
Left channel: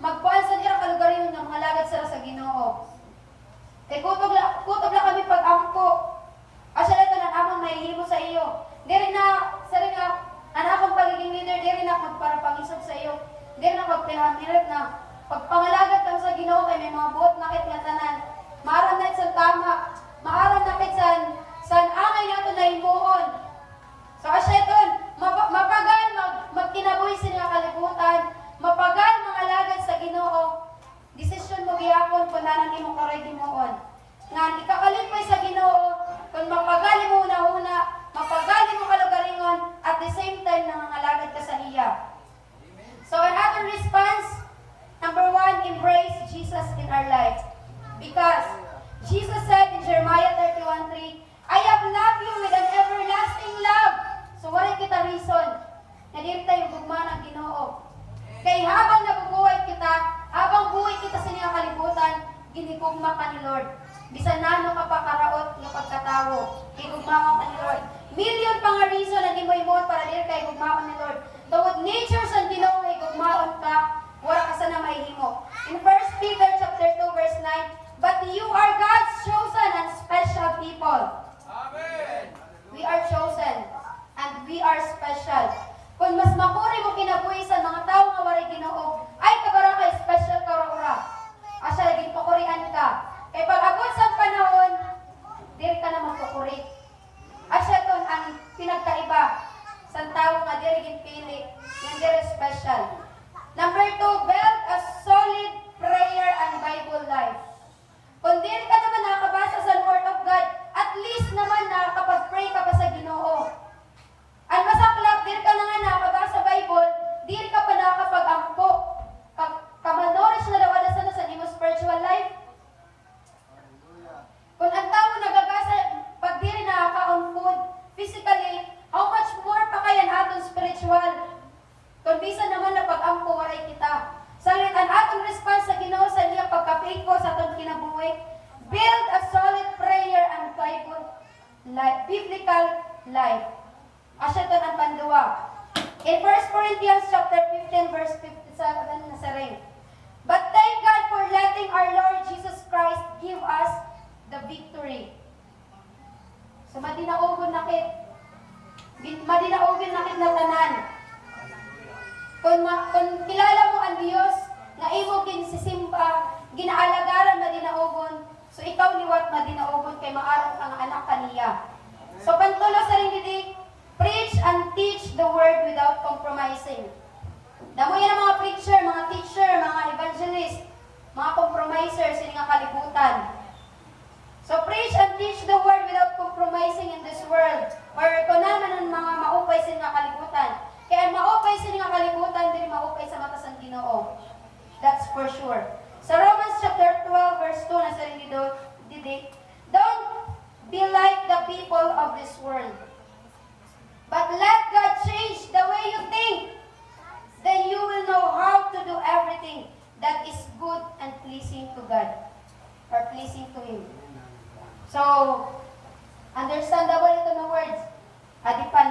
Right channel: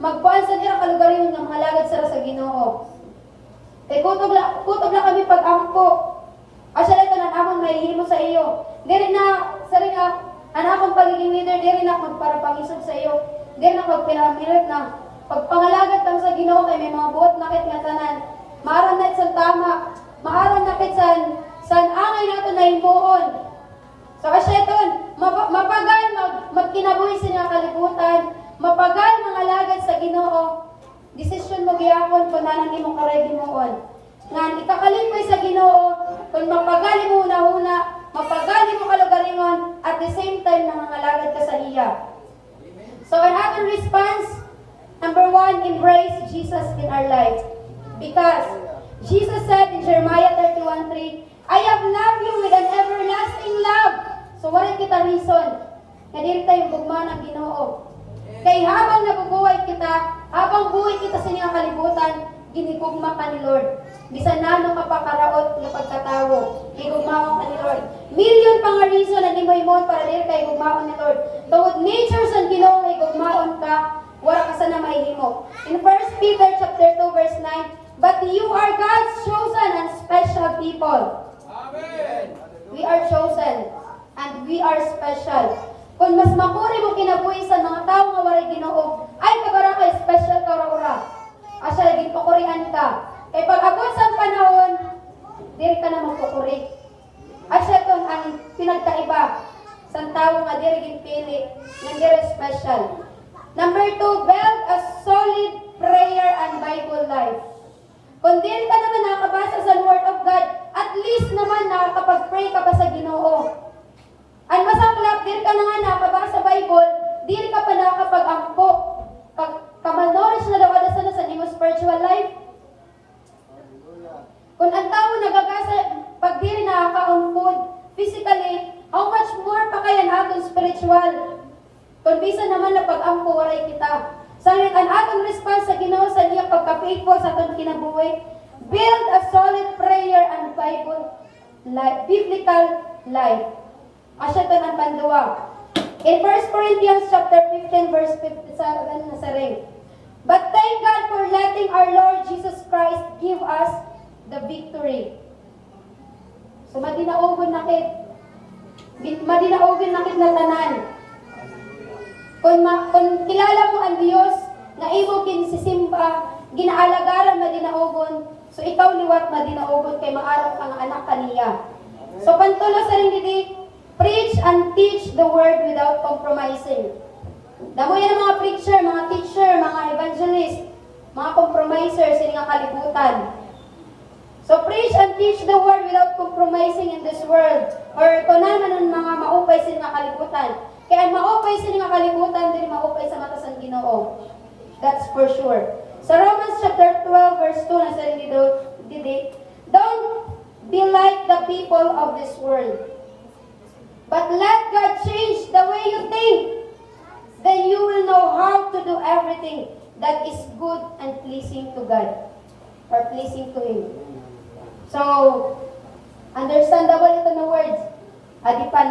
magkuan sa dira kalugaringon nga mga lagad sa Ginoo. Kay kutob la kami pag-ampo. Asa ito na amon mahihimo sa iyo. Diri na sari nga ang akong pagiging leader diri na magparapangisog sa iyo. Diri na magpinamilit na pagpangalagad kang sa Ginoo kay may mga buot nakit nga tanan. Maaram na sa tama, maaram na kit san angay nato na himuon. So kasi ito, mapagal magkinabuhi sa nga kalibutan, mapagal mga lagad sa Ginoo. Desisyon mo gihapon kung nanan imong karay himuon. Nga ikakalipay sa Ginoo, kung mapagali mo una-una, mapagali mo kalugaringon, at the same time nangangalagad ka sa iya. So an action response, number 1, embrace Jesus in our lives. Because Jesus said in Jeremiah 31:3, I have loved you with an everlasting love. So wala kita reason na dili tayo gugma ng Ginoo. Kay habang nabubuhay kita, habang buhay kita sa niyang kalibutan, ginigugma ka ni Lord. Bisan nano ka pakaraot ng pagkatawo, gigugmaon ka ni Lord. Million pa nga reason na himo-himon para dili kay gugmaon ni Lord. Tungod nature sa Ginoo ay gugmaon ka, wala ka sana mahihimo. In 1 Peter chapter 2 verse 9, but you are God's chosen and special people. Amen. We are chosen and we are special. Kung mas makuri mo kinabuhi sa mga tao nga waray Ginoo, ay kagara kay special ka ora. Asa lagi pakurian ka. Kay pag agos ang panahon, diri ka na magkukuri. Asa ton ang pinagkaiba sa tao nga diri ginpili, nga diri special. Number 2, build a solid prayer and Bible life. Kung diri ka naman nakakabasa sa Word of God, at least naman nakakapag-pray ka pa sa Ginoo. Ang masaklap, diri ka na nga nakakabasa sa Bible, diri ka pa nakakapag-ampo. Pag kamalnourished na daw sana sa imo spiritual life. Kung ang tao nagagasa, pag diri nakaka-food, physically, how much more pa kaya aton spiritual? Kung bisa naman na pag-ampo, waray kita. Salit ang atong response sa Ginoo sa iyang pagka-faithful sa atong kinabuhi, build a solid prayer and Bible life, biblical life. Asya ito ang panduwa. In 1 Corinthians chapter 15 verse 57 na sa ring. But thank God for letting our Lord Jesus Christ give us the victory. So madinaogon nakit na tanan. Kung kilala mo ang Diyos, nga imo kinsisimba, ginaalagaran madinaogon, so ikaw liwat madinaogon kay maaraw kang anak kaniya. So pantulo sa ring didi, preach and teach the word without compromising. Damo yan ang mga preacher, mga teacher, mga evangelist, mga compromiser sa nga kalibutan. So preach and teach the word without compromising in this world. Or kung naman ang mga maupay sa nga kalibutan. Kaya ang maupay sa nga kalibutan, dili maupay sa mata sa Ginoo. That's for sure. Sa Romans chapter 12 verse 2 na sa didi, don't be like the people of this world. But let God change the way you think. Then you will know how to do everything that is good and pleasing to God. Or pleasing to Him. So, understandable ito na words. Adi pa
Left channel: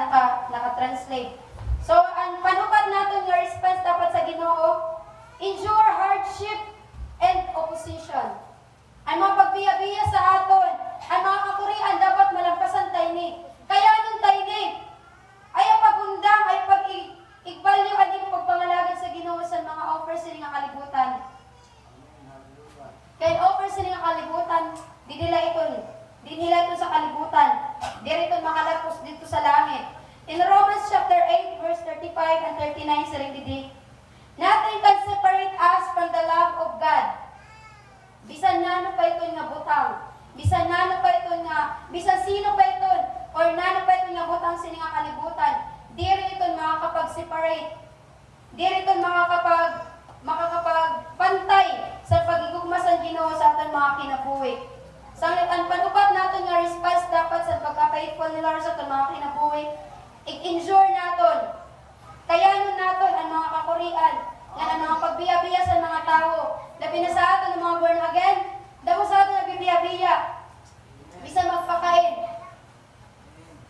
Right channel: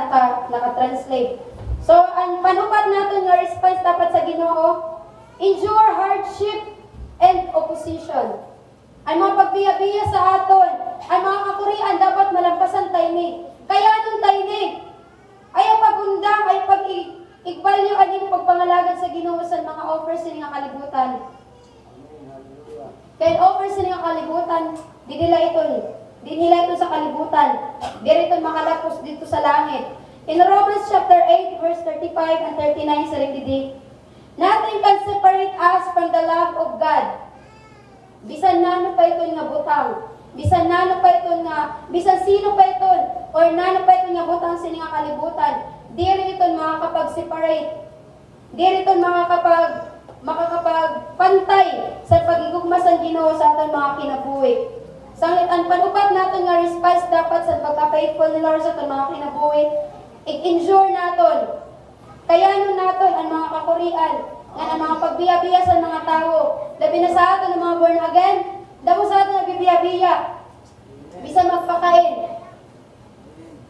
naka-translate. So, ang panukat natin nga response dapat sa Ginoo, endure hardship and opposition. Ang mga pagbiya-biya sa aton, ang mga kakurian dapat malampasan tayni. Kaya itong tayni, ay pagundang, ay pag-igbalyo, ang iyong pagpangalagad sa Ginoo sa mga offers sa nga kalibutan. Kaya offers sa nga kalibutan, di nila ito sa kalibutan. Dito makalapos dito sa langit. In Romans chapter 8, verse 35 and 39 sa ringidi, nothing can separate us from the love of God. Bisan nano pa ito nga butang. Bisan nano pa ito nga, bisan sino pa ito, or nano pa ito nga butang sa nga kalibutan. Diri ito makakapag-separate. Diri ito makakapagpantay sa pagigugma sa Ginoo sa aton mga kinabuhi. Sanglit ang panupat natin nga response dapat sa pagka-faithful ni Lord sa aton mga kinabuhi, i-endure naton. Kayanon naton ang mga kakurian, nga ang mga pagbiya-biya sa mga tao. Labi na sa aton ang mga born again, damo sa aton na bibiya-biya. Bisa magpakain,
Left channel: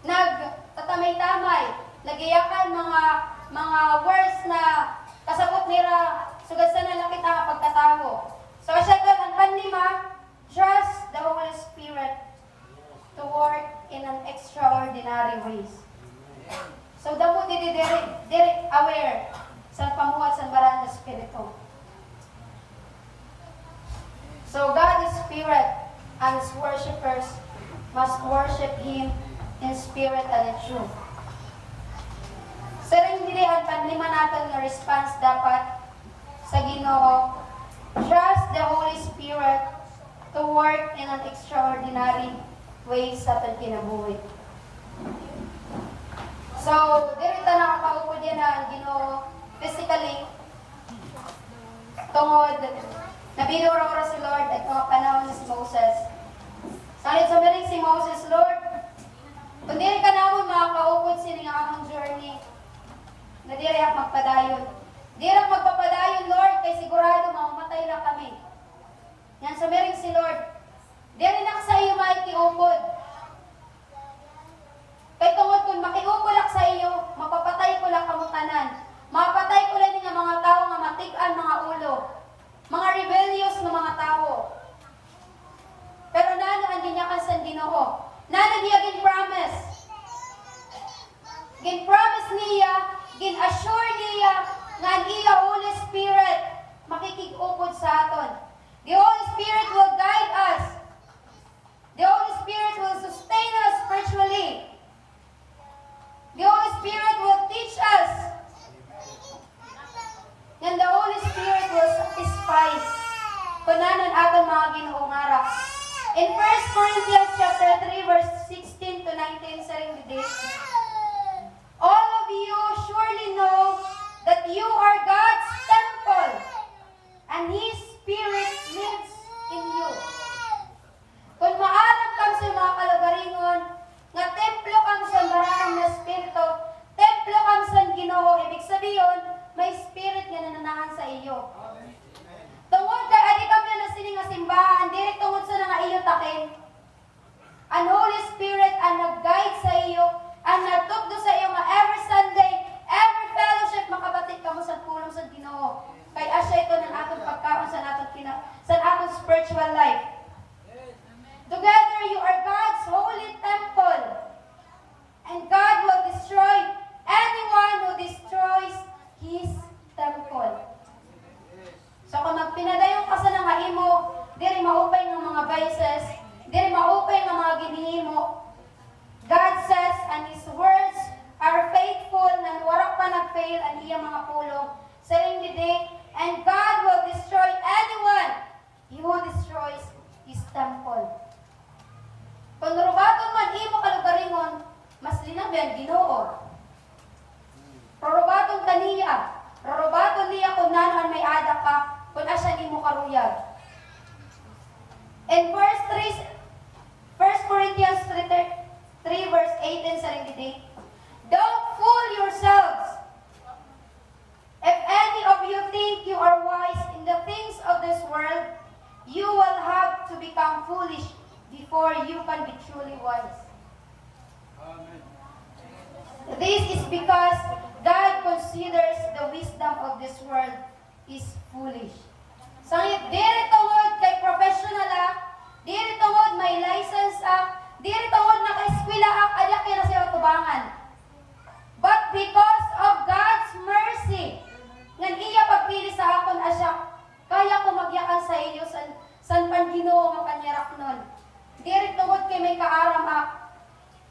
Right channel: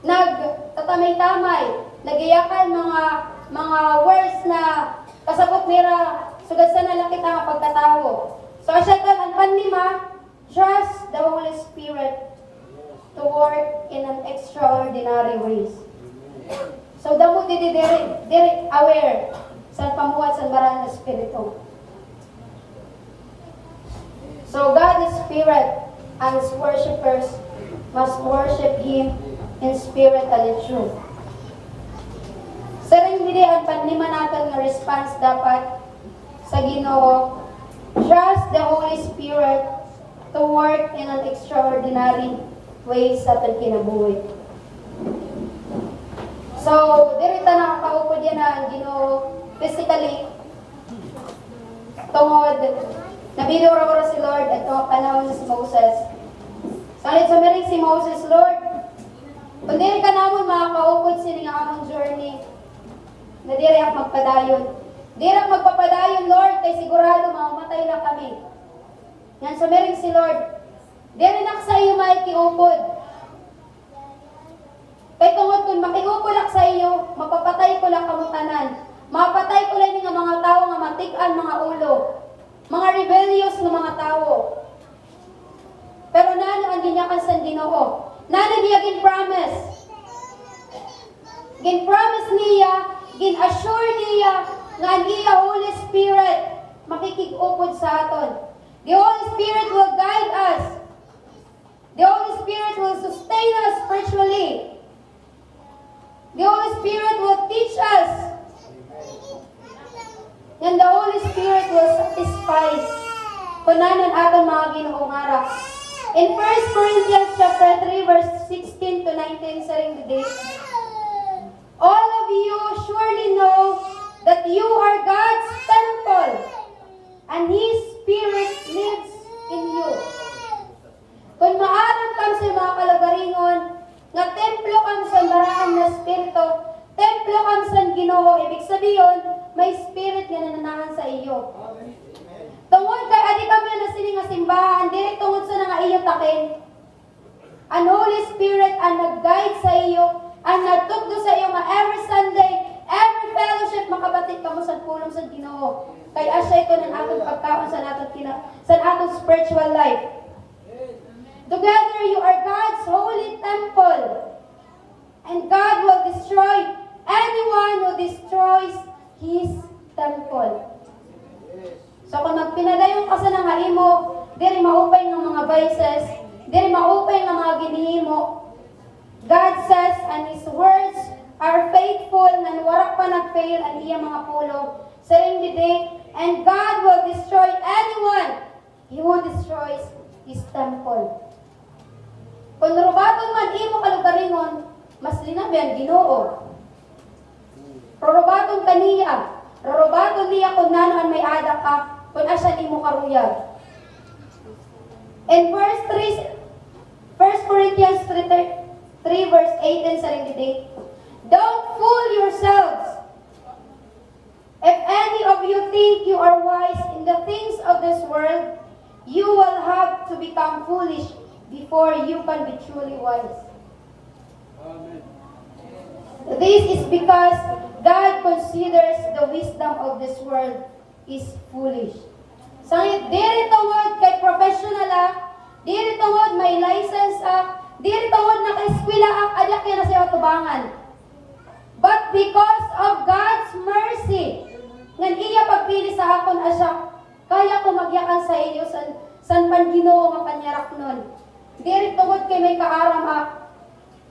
nagtatamay-tamay, nagiyakan mga words na kasabot nira sugad sa nalakit ang pagkatawo. So asya kan ang panlima, trust the Holy Spirit to work in an extraordinary ways. So damo diri aware sa pamuhat sa baran ng Espiritu. So God is Spirit, and His worshippers must worship Him in spirit and in truth. Sa ring dili ang panlima natin nga response dapat sa Ginoo, trust the Holy Spirit to work in an extraordinary way sa ating kinabuhi. So, diri ta nakakaupod yan ang Ginoo physically tungod nabidura si Lord at mga panahon si Moses. Salit sumiring si Moses, Lord, kung diri ka namon makakaupod sila nga among journey, na diri ak magpadayon. Diri ak magpapadayon, Lord, kay sigurado mamamatay na kami. Yan sumiring si Lord, diri na sa iyo maikiupod. Kay tungod kung makiupod ak sa iyo, mapapatay ko lang kamutanan. Mapatay ko lang nga mga tao nga matik-an mga ulo. Mga rebellious na mga tao. Pero nano ang ginyakan sa Ginoo. Nano niya gin-promise. Gin-promise niya, gin-assure niya nga ang iya Holy Spirit makikig-upod sa aton. The Holy Spirit will guide us. The Holy Spirit will sustain us spiritually. The Holy Spirit will teach us. And the Holy Spirit will satisfy kunanan aton mga Ginoong ara. In 1 Corinthians chapter 3 verse 16 to 19 sa ring today, all of you surely know that you are God's temple and His Spirit lives in you. Kung maaram kam sa mga kalagaringon nga templo kam sa barahan na Espiritu, templo kam sa Ginoo, ibig sabihin may spirit nga nananahan sa iyo. Tungod kay adi kami na sini nga simbahan, dili tungod sa nga iyo takin. Ang Holy Spirit ang nag-guide sa iyo, ang nagtugdo sa iyo nga every Sunday, every fellowship makabatid kamo sa pulong sa Ginoo. Kay asya ito ng atong pagkaon sa atong spiritual life. Together you are God's holy temple. And God will destroy anyone who destroys His temple. So kung magpinadayon ka sa nga imo, diri maupay ng mga vices, diri maupay ng mga ginihimo. God says, and His words are faithful, na warak pa nag-fail ang iya mga pulong. Sa ring day, and God will destroy anyone who destroys His temple. Kung rubaton man imo kalugaringon, mas linabihan Ginoo. Robaton kaniya, robaton niya kung nanoan may ada ka, kung asya ni mo karuyag. In verse 3, 1 Corinthians 3 verse 18 sa ring today, don't fool yourselves. If any of you think you are wise in the things of this world, you will have to become foolish before you can be truly wise. Amen. This is because God considers the wisdom of this world is foolish. Sangit, diri tungod kay professional diri tungod may license diri tungod naka-eskwela adya kay na siya tubangan. But because of God's mercy, ngan iya pagpili sa akon asya, kaya ko magyakan sa iyo san pan Ginoo nga panyarak nun. Diri tungod kay may kaaram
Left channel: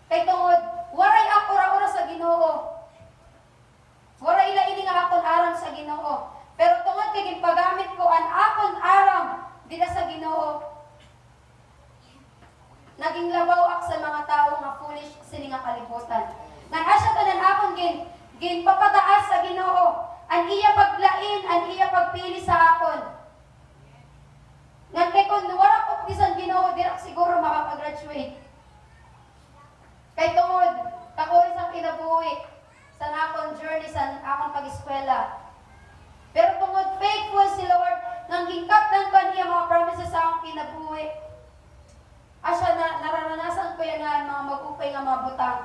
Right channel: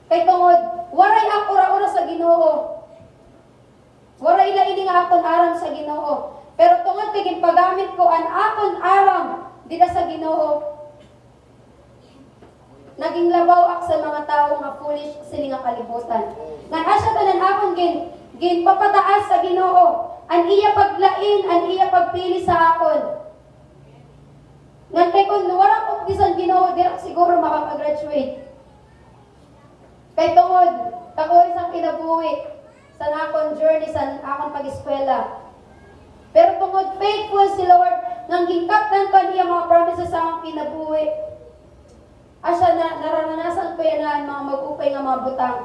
kay tungod waray ako ora sa Ginoo. Waray laini nga akon aram sa Ginoo. Pero tungod kay ginpagamit ko an akon aram dida sa Ginoo, naging labaw ak sa mga tawo nga foolish sini nga kalibutan. Ngan asya tanan akon ginpapataas sa Ginoo, an iya paglain, an iya pagpili sa akon. Ngan kay kun wala ko bisan Ginoo, dira siguro makaka-graduate. Kay tungod kakuha sang kinabuhi sa akong journey, sa akong pag-eskwela. Pero tungod faithful si Lord, nang gingkaptan pa niya mga promises sa akong kinabuhi. Asya na naranasan ko yan mga mag-upay nga mga butang.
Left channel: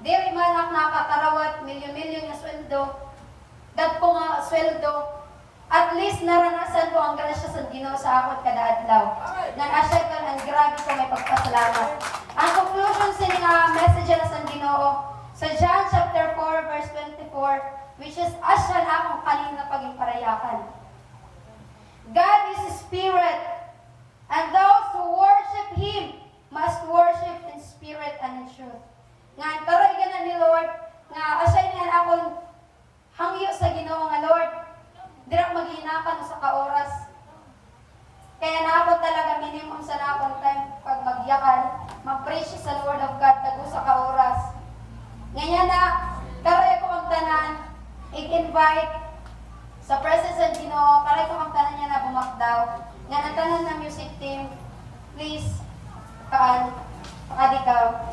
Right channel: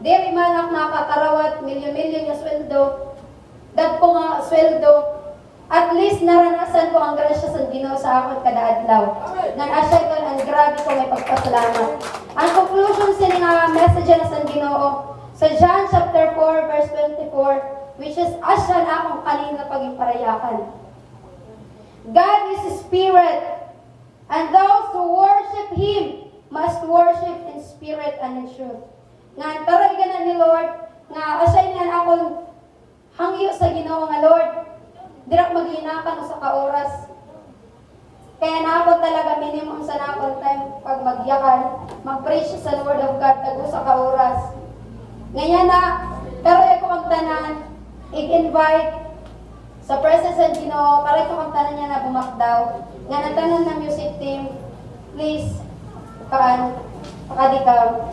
Diri man ak nakakarawat milyon-milyon nga sweldo, dagko nga sweldo, at least naranasan ko ang grasya sa Ginoo sa akon kada adlaw. Nang asya ko ang grabe ko may pagpasalamat. Ang conclusion sa nga message na sa Ginoo sa John chapter 4 verse 24, which is asya na akong kanina pagiparayakan. God is a spirit, and those who worship Him must worship in spirit and in truth. Nga karoy ganan ni Lord nga asay niyan akong hangyo sa Ginoo nga Lord, dirak maghinakan sa kaoras. Kaya na ako talaga minimum sa nakon time pag magyakan, mag-preach sa Word of God tago sa kaoras. Ngayon na karoy ko ang tanan, i-invite sa presence ng Ginoo, karoy ko ang tanan niya na bumakdaw. Nga ang tanan ng music team, please pakadikaw.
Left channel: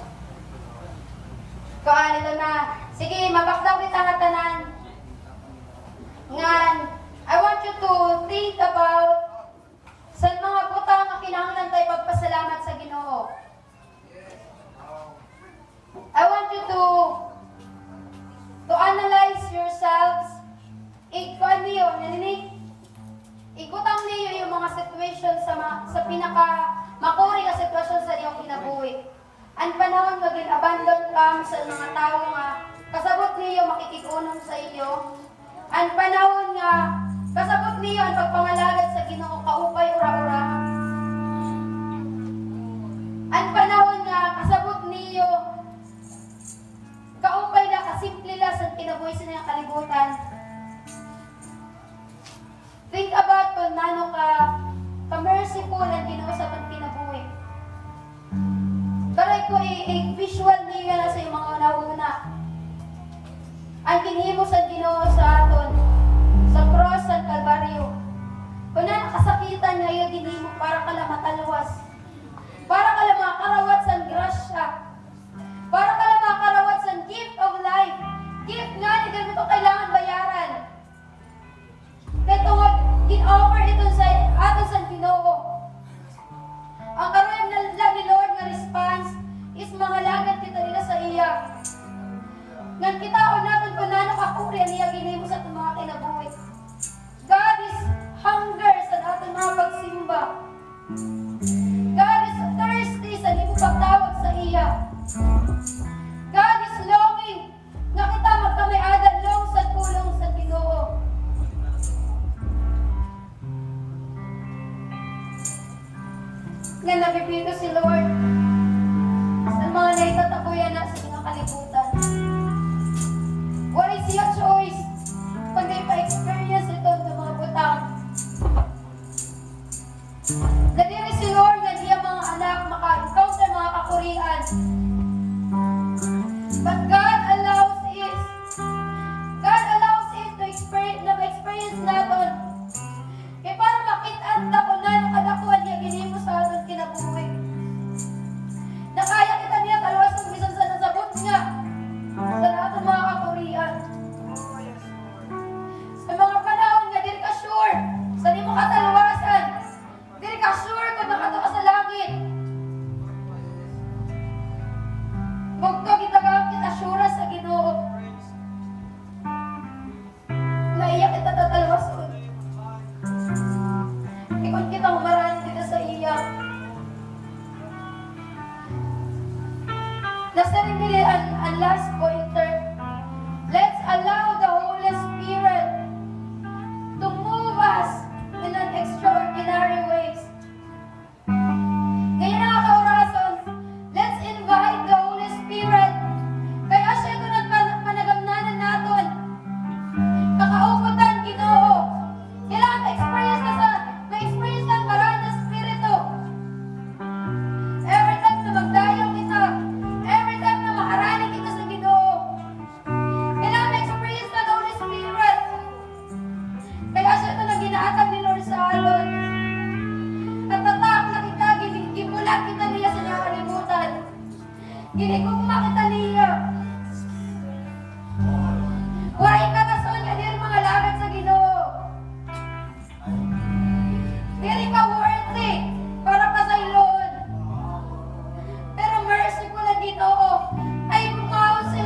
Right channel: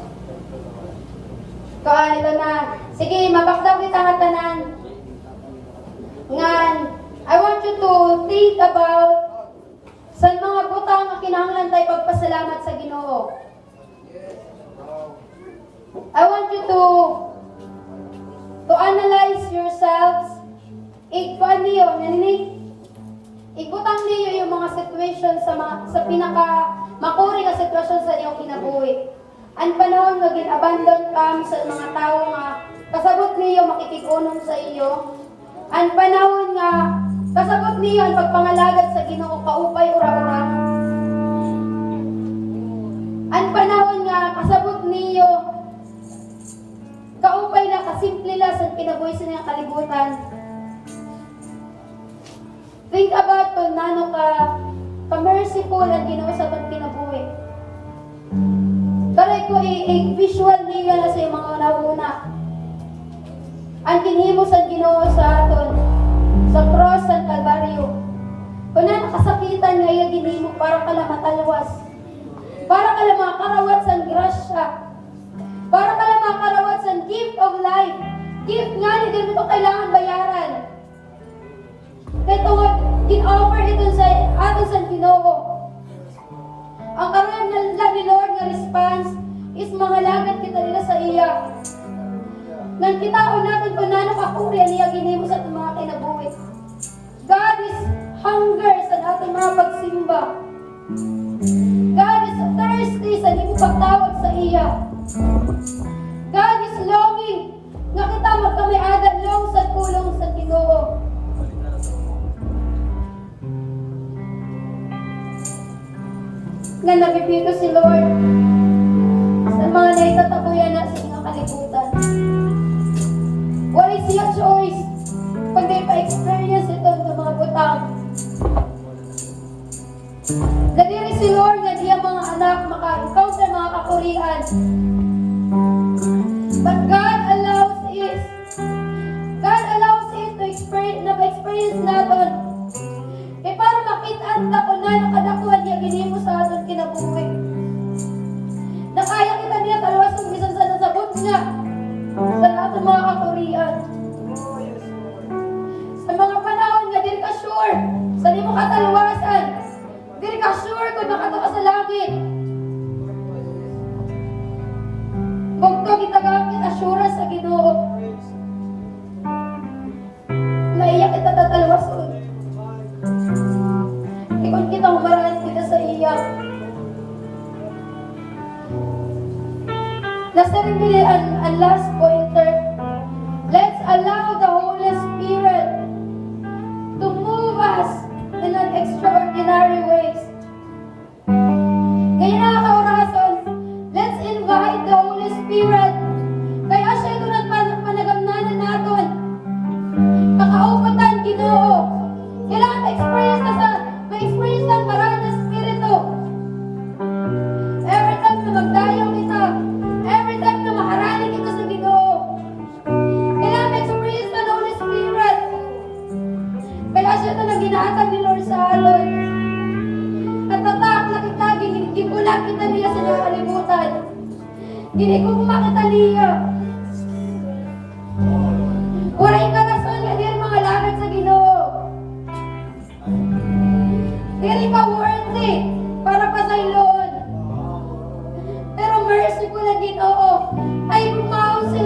Kaan ito na. Sige, mabakdaw kita nga tanan. Ngan, I want you to think about sa mga butang nga kinahanglan tayo pagpasalamat sa Ginoo. I want you to analyze yourselves. Ikuan niyo, ikutan niyo yung mga situation sa pinaka makuri nga sitwasyon sa iyong kinabuhi. Ang panahon nga gin-abandon ka sa mga tao nga kasabot niyo makikigunom sa iyo. Ang panahon nga kasabot niyo ang pagpangalagad sa Ginoo kaupay ura-ura. Ang panahon nga kasabot niyo kaupay na kasimple lang sa kinabuhi sa niyang kalibutan. Think about kung nano ka-merciful ang Ginoo sa pag kinabuhi. Karoy ko i-visual niyo na sa mga una-una. Ang kinhimo sa Ginoo sa aton sa cross sa Kalbaryo. Kung na nakasakitan nga yung ginhimo para ka lang matalwas. Para ka lang makarawat sa grasya. Para ka lang makarawat sa gift of life. Gift nga hindi mo ito kailangan bayaran. Ito nga, in-offer ito sa aton sa Ginoo. Ang karoon na ni Lord nga response is mga lagat kita nila sa iya. Nang kitaon natin kung nano kakuri niya ginimo sa itong mga kinabuhi. God is hunger sa ating mga pagsimba. God is thirsty sa hindi mo pagtawag sa iya. God is longing nga kita magkamay-adan long sa tulong sa Ginoo. Nga nabibito si Lord sa mga naitatabuyan na sa inyong kalibutan. What is your choice kundi pa-experience ito sa mga butang? Nadiri si Lord nga diya mga anak maka-encounter mga kakurian. But God allows it to experience na ma-experience natin. Kaya para makita ta kung na nakadakuan niya ginimo sa aton kinabuhi. Nakaya kita niya talawas kung bisan sa nasabot nga sa aton mga kakurian. Sa mga panahon nga, dili ka sure sa di mo katalawasan. Dili ka sure kung nakataka sa langit. Bugto kita gamit assurance sa Ginoo. Maiyak kita tatalawason. Ikon kita humaraan kita sa iyak. Nasa rin din ang last pointer. Let's allow the Holy Spirit to move us in an extraordinary ways. Kaya nakakaurason, let's invite the Holy Spirit. Kaya siya ito nagpanagamnanan natin. Kakaupatan, Ginoo. Kailangan ma-experience ng marami na Espiritu. Every time na magdayo kita, every time na maharani kita sa Ginoo, kailangan ma-experience ng Holy Spirit. Kaya siya ito na ginaatag ni Lord sa atin. At tatak na kita, gibulag kita niya sa niyang kalimutan. Ginikugma kita niya. Waray ka na sa niya mga langit sa Ginoo. Dili ka worthy para pasayloon. Pero mercy ko na Ginoo ay bumaon sa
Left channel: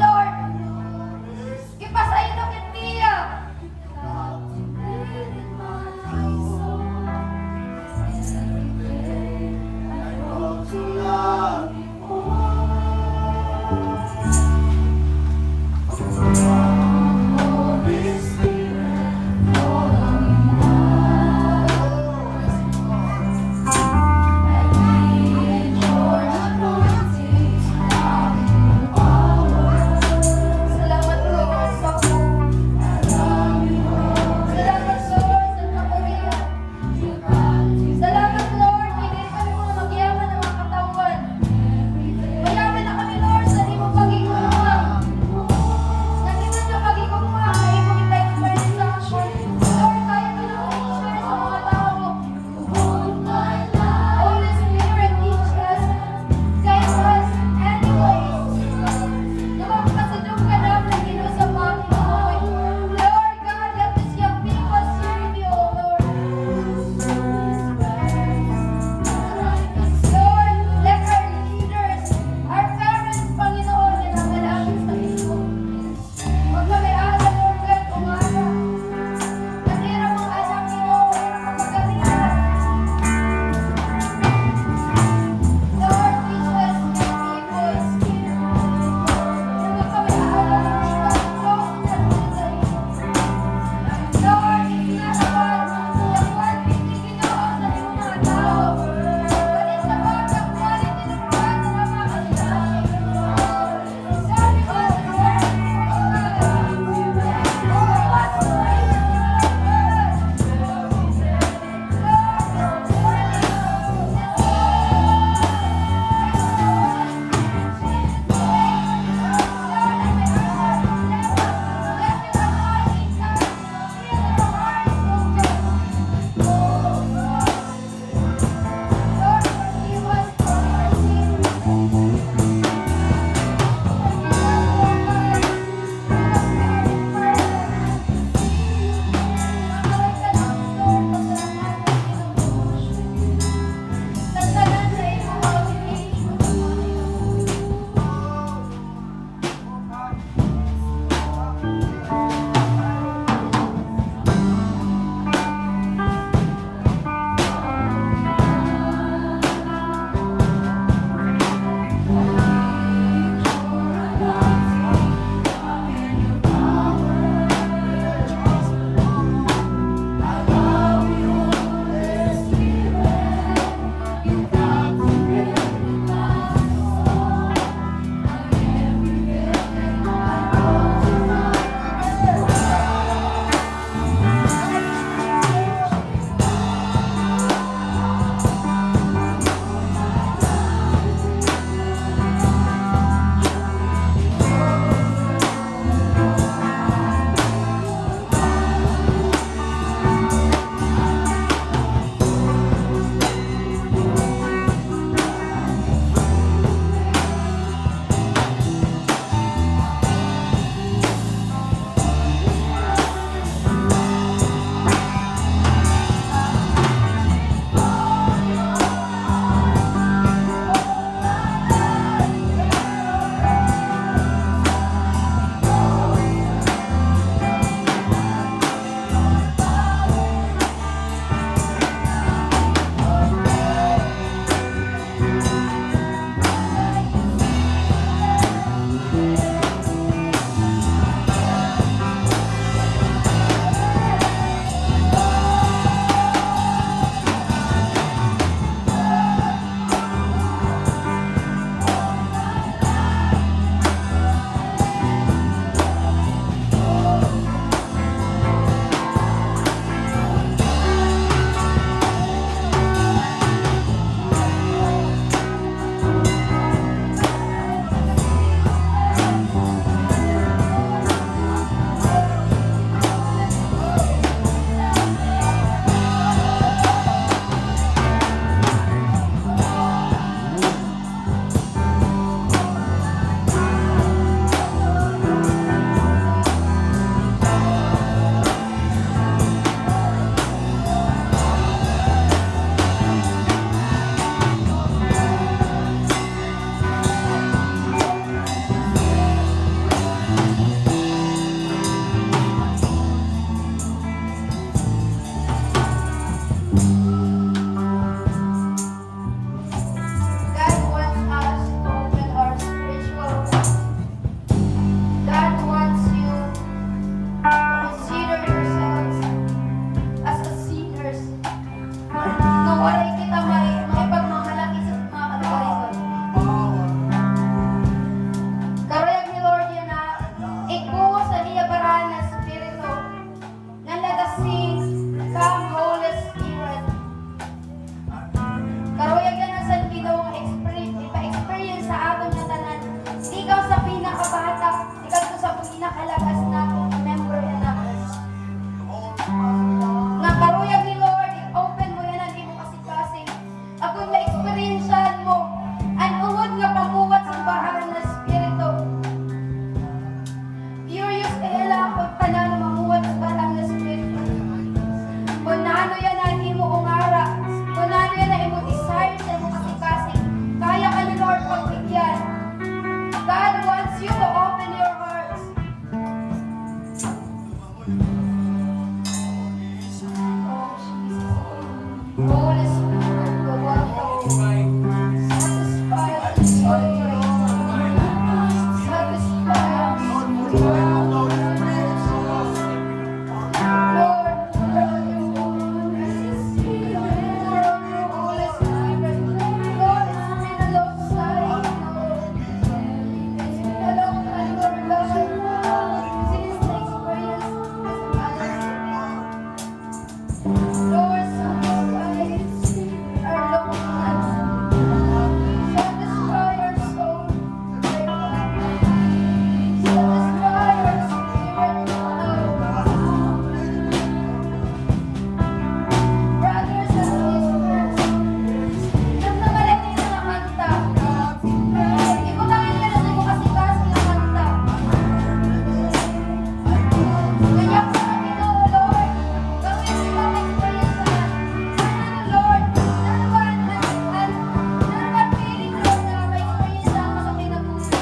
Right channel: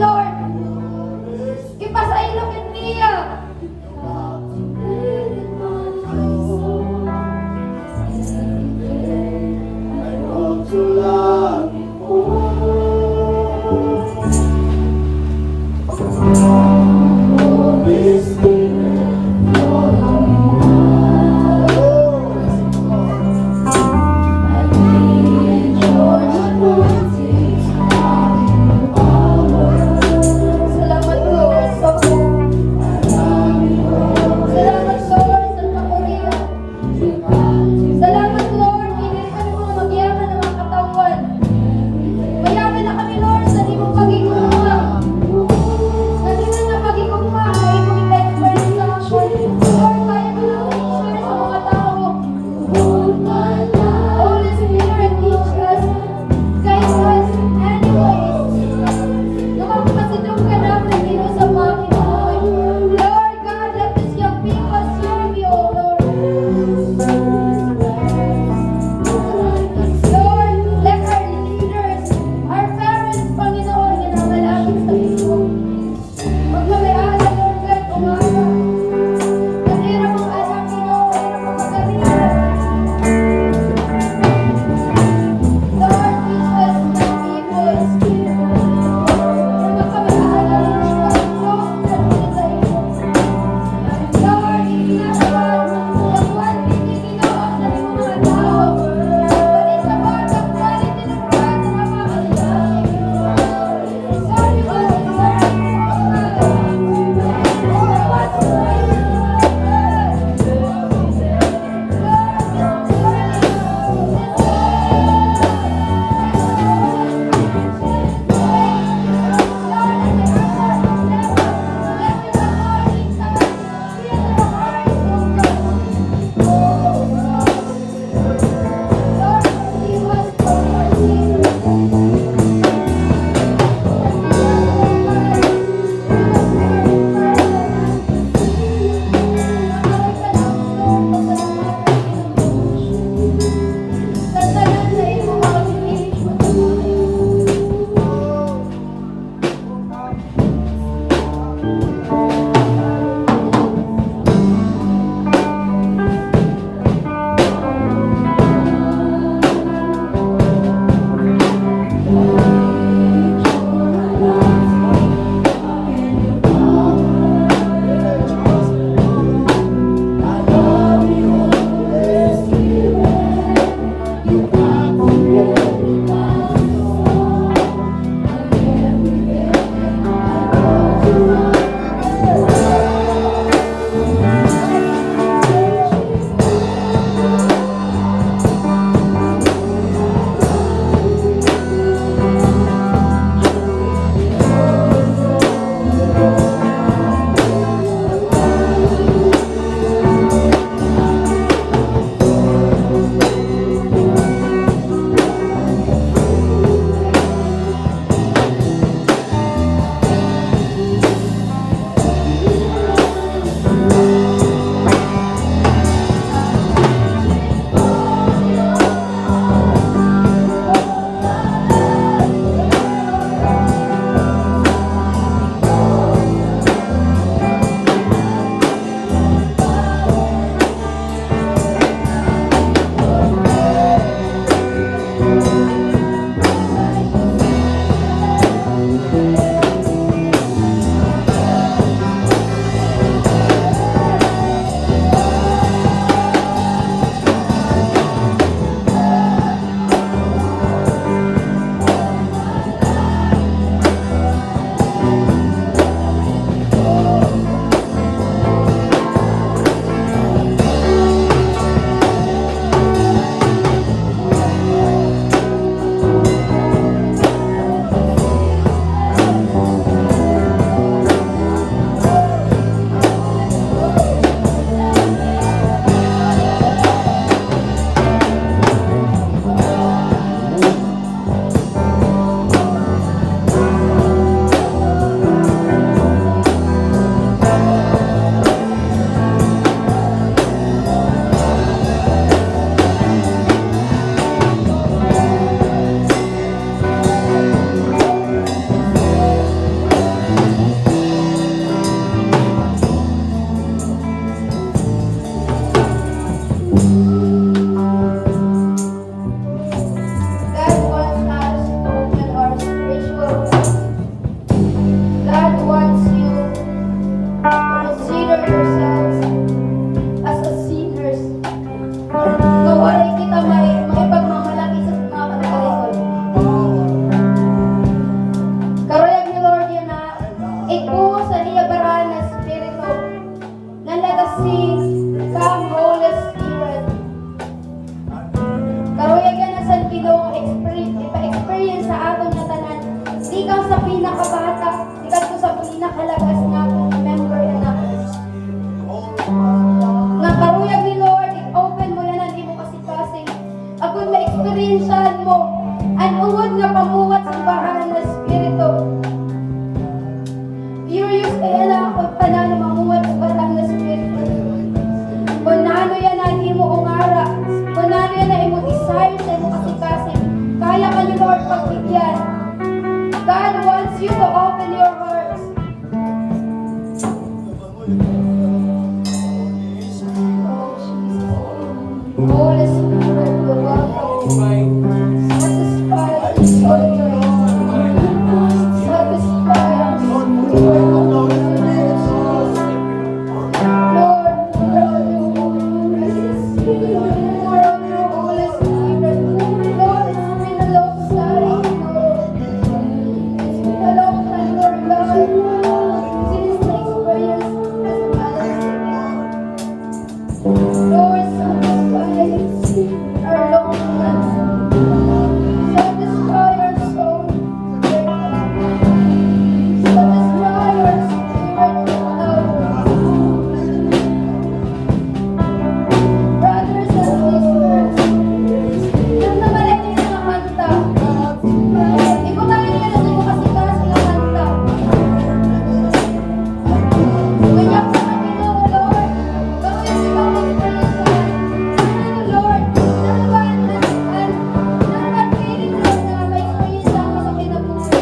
experiencean mo ang ungod nga pamuwat sa bahan na Espiritu. Curious kaya lang ako tanan na mamuwat sa bahan na Espiritu. Kung naano yan ang imo ungara, kung naano yan ang imo desire sa imo kasikasin, kaya ka ni Lord pagbigyan. God wants you to open your hearts. Holy Spirit, we welcome you. Satisfy our soul. Satisfy our soul. Lord, Holy Spirit. Lord, it's been a long time, Lord. It's been a long time, Lord God. Since the experience as a Lord, satisfy our longings. Satisfy our soul. Satisfy our spirit of brothers and sisters. Yan naman ay tinakanta. Di ko tayo nila na mo kasi kasi nakanta. Kanya ko sa Ginoo, Lord. Bakit di ba mag-praise Lord, nanaman feeling Lord na may praise ako sa kinabuhi.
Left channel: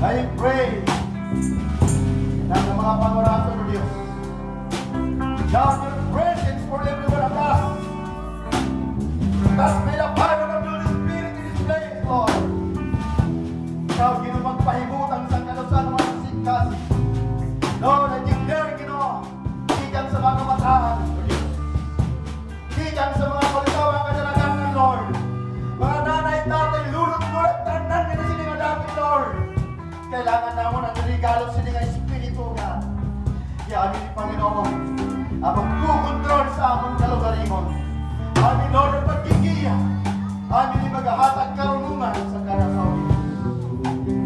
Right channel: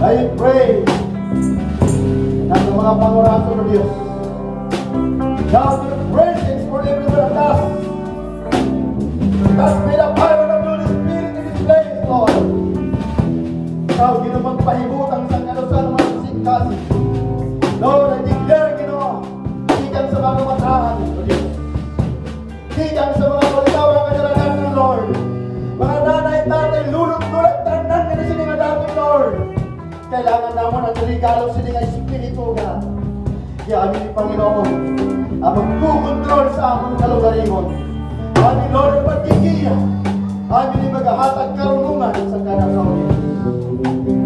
I pray na sa mga pangorato ng Diyos, God, your presence for everyone of us. God, may the power of your Spirit in this place, Lord. Ikaw, ginapagpahibutang sa kalusan ng mga singkas. Lord, I declare, Ginoo, ikan sa mga matahan ng Diyos. Ikan sa mga kalitaw ng kadalagan ng Lord. Mga nanay, tatay, lulot-lulot, tanan ka na sininga dapit, Lord. Kailangan naman ang regalo sininga Espiritu, God. Kaya amin ni Panginoon, ang magkukontrol sa among kalugaringon. Amin, Lord, ang pagkikiya. Amin ni maghahatag karunungan sa kanasawin.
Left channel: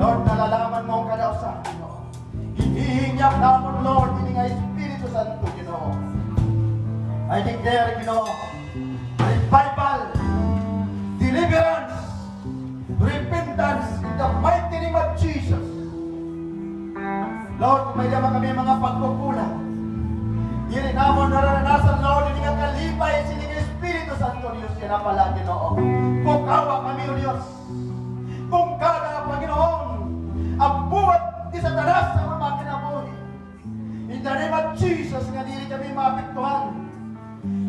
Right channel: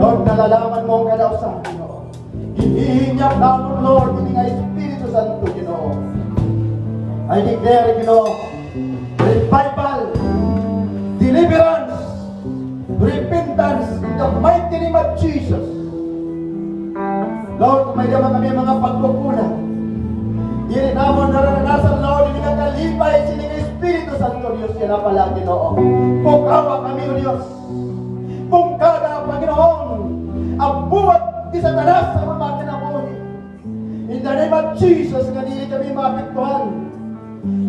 Lord, nalalaman mo ang kadausan, Ginoo. Hihingyang namon, Lord, hindi nga Espiritu Santo, Ginoo. I declare, Ginoo, revival, deliverance, repentance in the mighty name of Jesus. Lord, kung may naman kami mga pagkukulang, di rin naman naranasan, Lord, hindi nga kalipay sining Espiritu Santo, Diyos, yan na pala, Ginoo. Kung kawa kami, O Diyos, kung kada, Panginoon, ang buwat di Satanas sa mga kinabuhi. In the name of Jesus, nga dili kami maapektuhan.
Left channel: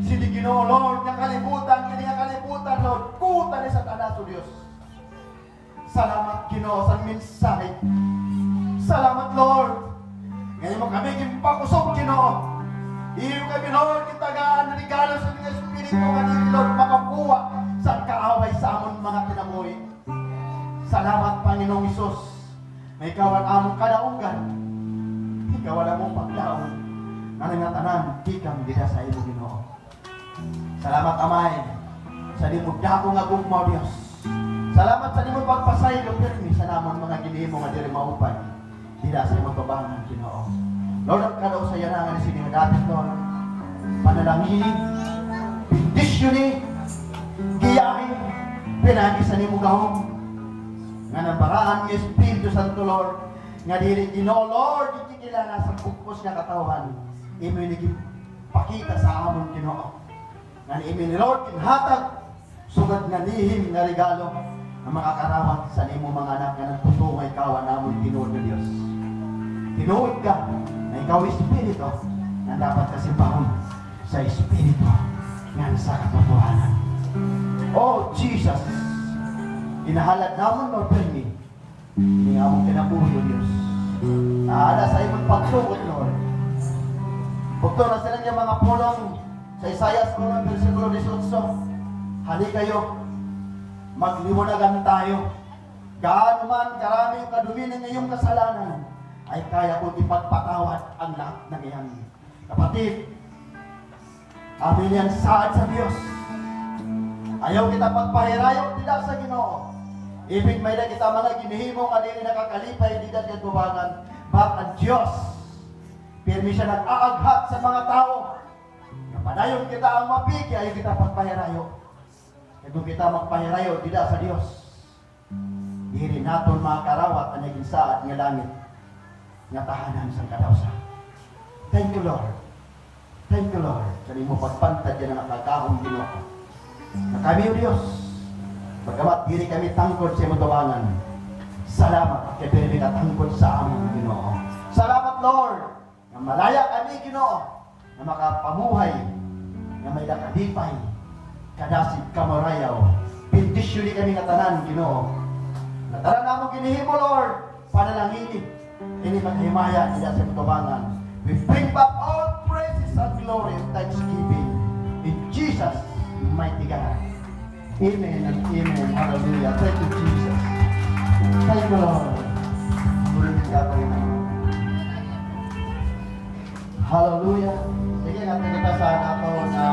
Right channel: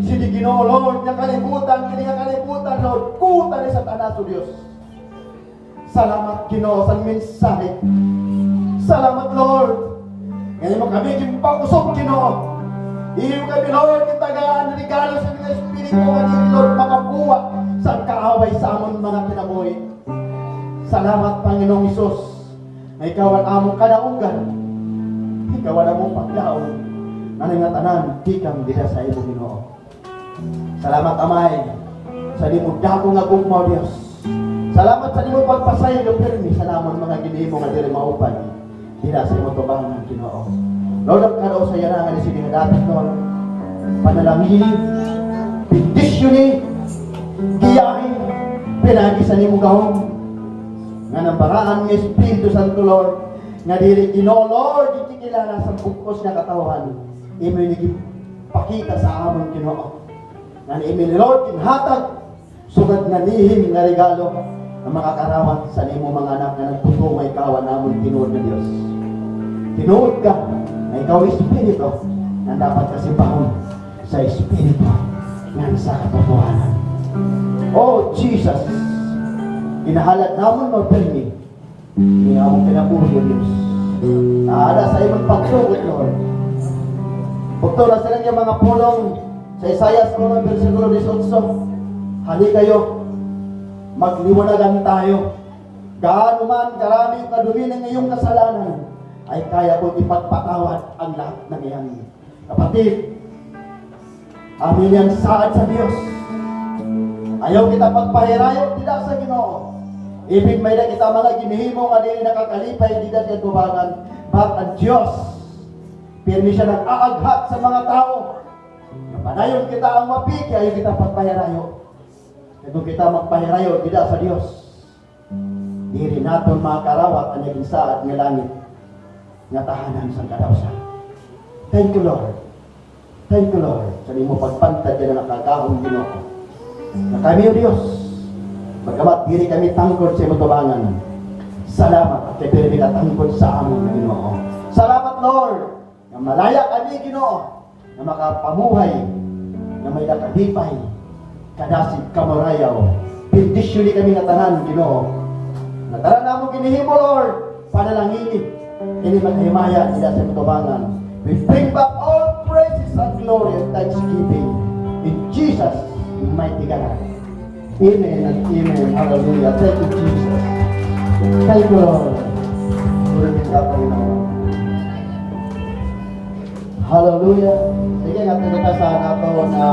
Sini Ginoo, Lord, na kalibutan, kini nga kalibutan, Lord, kuta ni Satanas, O Diyos. Salamat, Ginoo, sa mensahe. Salamat, Lord. Ngayon mo kami, kimpag-usok, Ginoo. Iyo kami, Lord, kitagaan, regalo sa ginimo nga diri Lord mga buwa sa kaaway sa amon mga kinabuhi. Salamat Panginoong Hesus. Na ikaw ang among kadaugan. Ikaw ang among paglaon. Ano nga tanan, di kang dira sa imo Ginoo. Salamat Amay sa di mo dako nga gugmaw Dios. Salamat sa di mo pagpasaylo pirmi sa namon mga ginimo nga diri maupay. Dira sa imo tubangan Ginoo. Lord, ang kadaw sa yanangan ni sinihadatin Lord. Panalangini, bendisyoni, giyahin, pinagi sa nimo gahom. Nga ng paraan ng Espiritu Santo Lord, nga dili Ginoo Lord, di kilala sa bukos nga katawan. Imo ni pakita sa amon Ginoo. Nga imo ni Lord kinhatag sugad nga lihim nga regalo ang makakarawat sa nimo mga anak nga nagputungay kawan namon tinuod nga Dios. Tinuod ka na ikaw Espiritu na dapat kasipahon sa Espiritu nga sa katotohanan. Oh Jesus, inahalad namon mo pirmi ni among kinabuhi o Diyos. Naada sa imong pagsugot Lord. Bukto na sila niya mga pulong sa Isaiah 1 versikulo 18. Hali kayo, magliwanagan tayo. Gaano man karami yung kadumi ng iyong kasalanan, ay kaya ko ipagpatawad ang lahat ng iyan. Kapatid, amin yan saad sa Diyos. Ayaw kita pagpahirayo, tidak sa Ginoo. Ibig may na kita mga ginihimo nga dili nakakalipay, di na siya tubangan. But ang Diyos, pirmi siya nag-aaghat sa mga tao. Panayon kita ang mapiki, ayaw kita pagpahirayo. Kung kita magpahirayo, tidak sa Diyos. Diri naton mga karawat ang naging saad nga langit nga tahanan sa kadawsan. Thank you, Lord. Thank you, Lord. Sa mo pagpantad yan ang nakagahong Ginoo. Na kami o Diyos, bagamat diri kami tangkod sa imo tubangan. Salamat at kaya kami katangkod sa aming Ginoo. Salamat, Lord, na malaya kami Ginoo, na makapamuhay, na may nakadipay, kadasig kamarayaw. Bendisyoni kami nga tanan Ginoo. Natara na mo ginihimo, Lord, panalangini. Ini maghimaya nila sa tubangan. We bring back all praises and glory and thanksgiving in Jesus' mighty God. Amen and amen. Hallelujah. Thank you, Jesus. Thank you, Lord. Glory to God, Panginoon. Hallelujah. Sige, natin kita sa nato na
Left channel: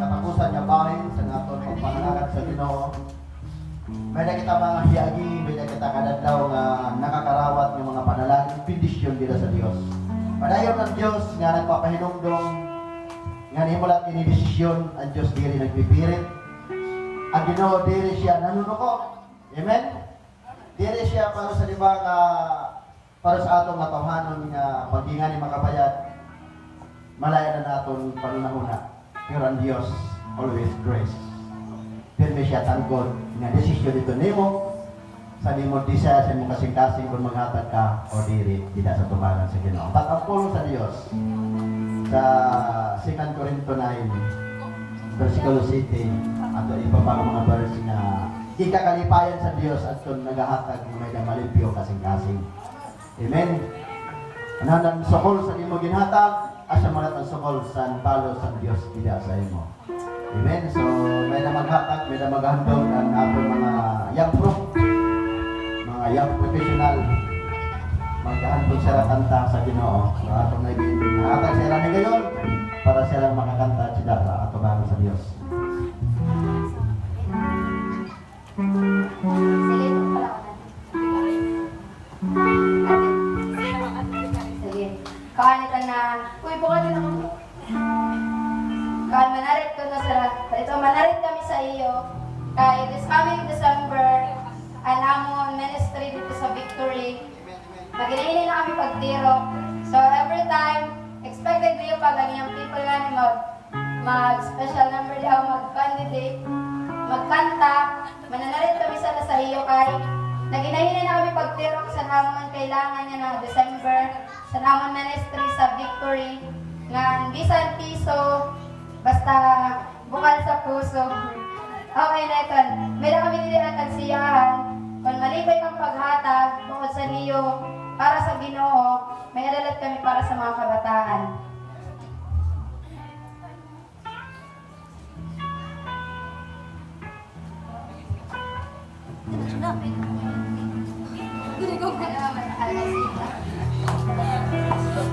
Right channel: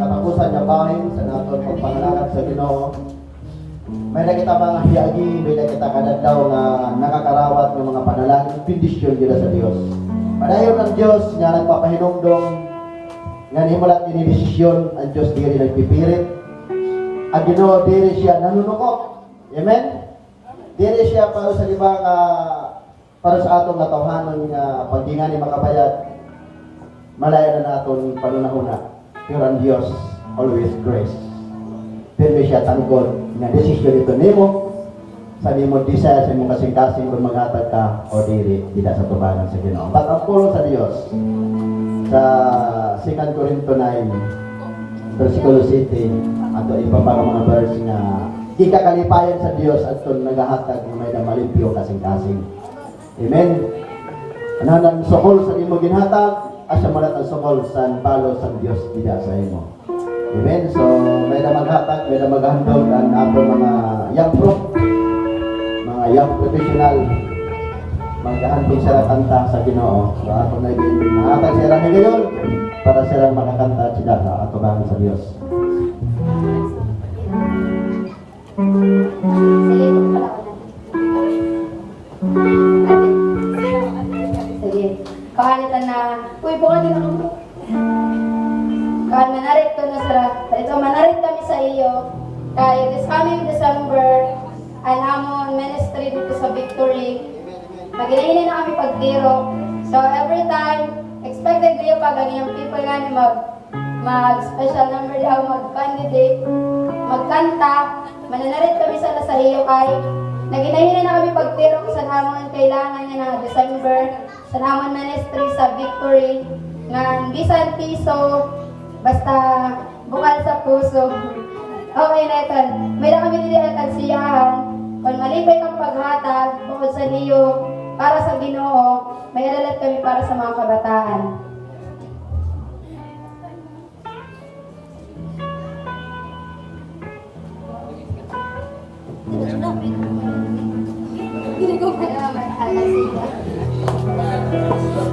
katapusan niya bahin sa nato pagpangalangat sa Ginoo. May na kita mga hiyagi, may na kita kadadaw na nakakarawat ng mga panalangin, bendisyon nila sa Diyos. Padayon ng Diyos nga nagpapahinumdong, nga nimulat inidesisyon, ang Diyos diri nagpipirit. Ang Ginoo diri siya nanunukot. Amen? Diri siya para sa libang para sa atong natawhanon nga pagdingan ni makabayad. Malaya na naton panunahuna. Pero ang Diyos always grace. Pero siya tangkod nga desisyon ito nimo sa nimo desire sa imong kasing-kasing kung maghatag ka o diri tidak sa tubangan sa Ginoo. Patapolo sa Dios sa 2 Corinto 9 versikulo 7 ato iba pa mga verse nga kikakalipayan sa Dios at kung nagahatag nga may damalimpyo kasing-kasing. Amen. Anang sokol sa imo ginhatag asa mo ang sokol sa palo sa Dios tidak sa imo. Amen. So, may na maghatag, may na maghandog ang ato mga young pro, mga young professional, maghahandog sila kanta sa Ginoo. So, ato naging mahatag sila ni ngayon para sila makakanta sila sa ato bang sa Diyos. Sige, kahalitan na, uy, buka din ako. Kahit manarit ko na sa, ito manarit kami sa iyo, kaya this coming December, ang amon ministry dito sa Victory, naginainin na kami pagtiro. So every time, expected kayo pag ang iyong people nga ni mag-special number daw, mag-candidate, magkanta, mananarit kami sa iyo kay naginainin na kami pagtiro sa namon kailangan niya na December, sa namon ministry sa Victory, nga bisan piso, basta bukal sa puso. Okay na ito. May na kami nila at agsiyahan. Kung malipay ang paghatag, bukod sa niyo, para sa Ginoo, may alalat kami para sa mga kabataan. Ano, matakas siya.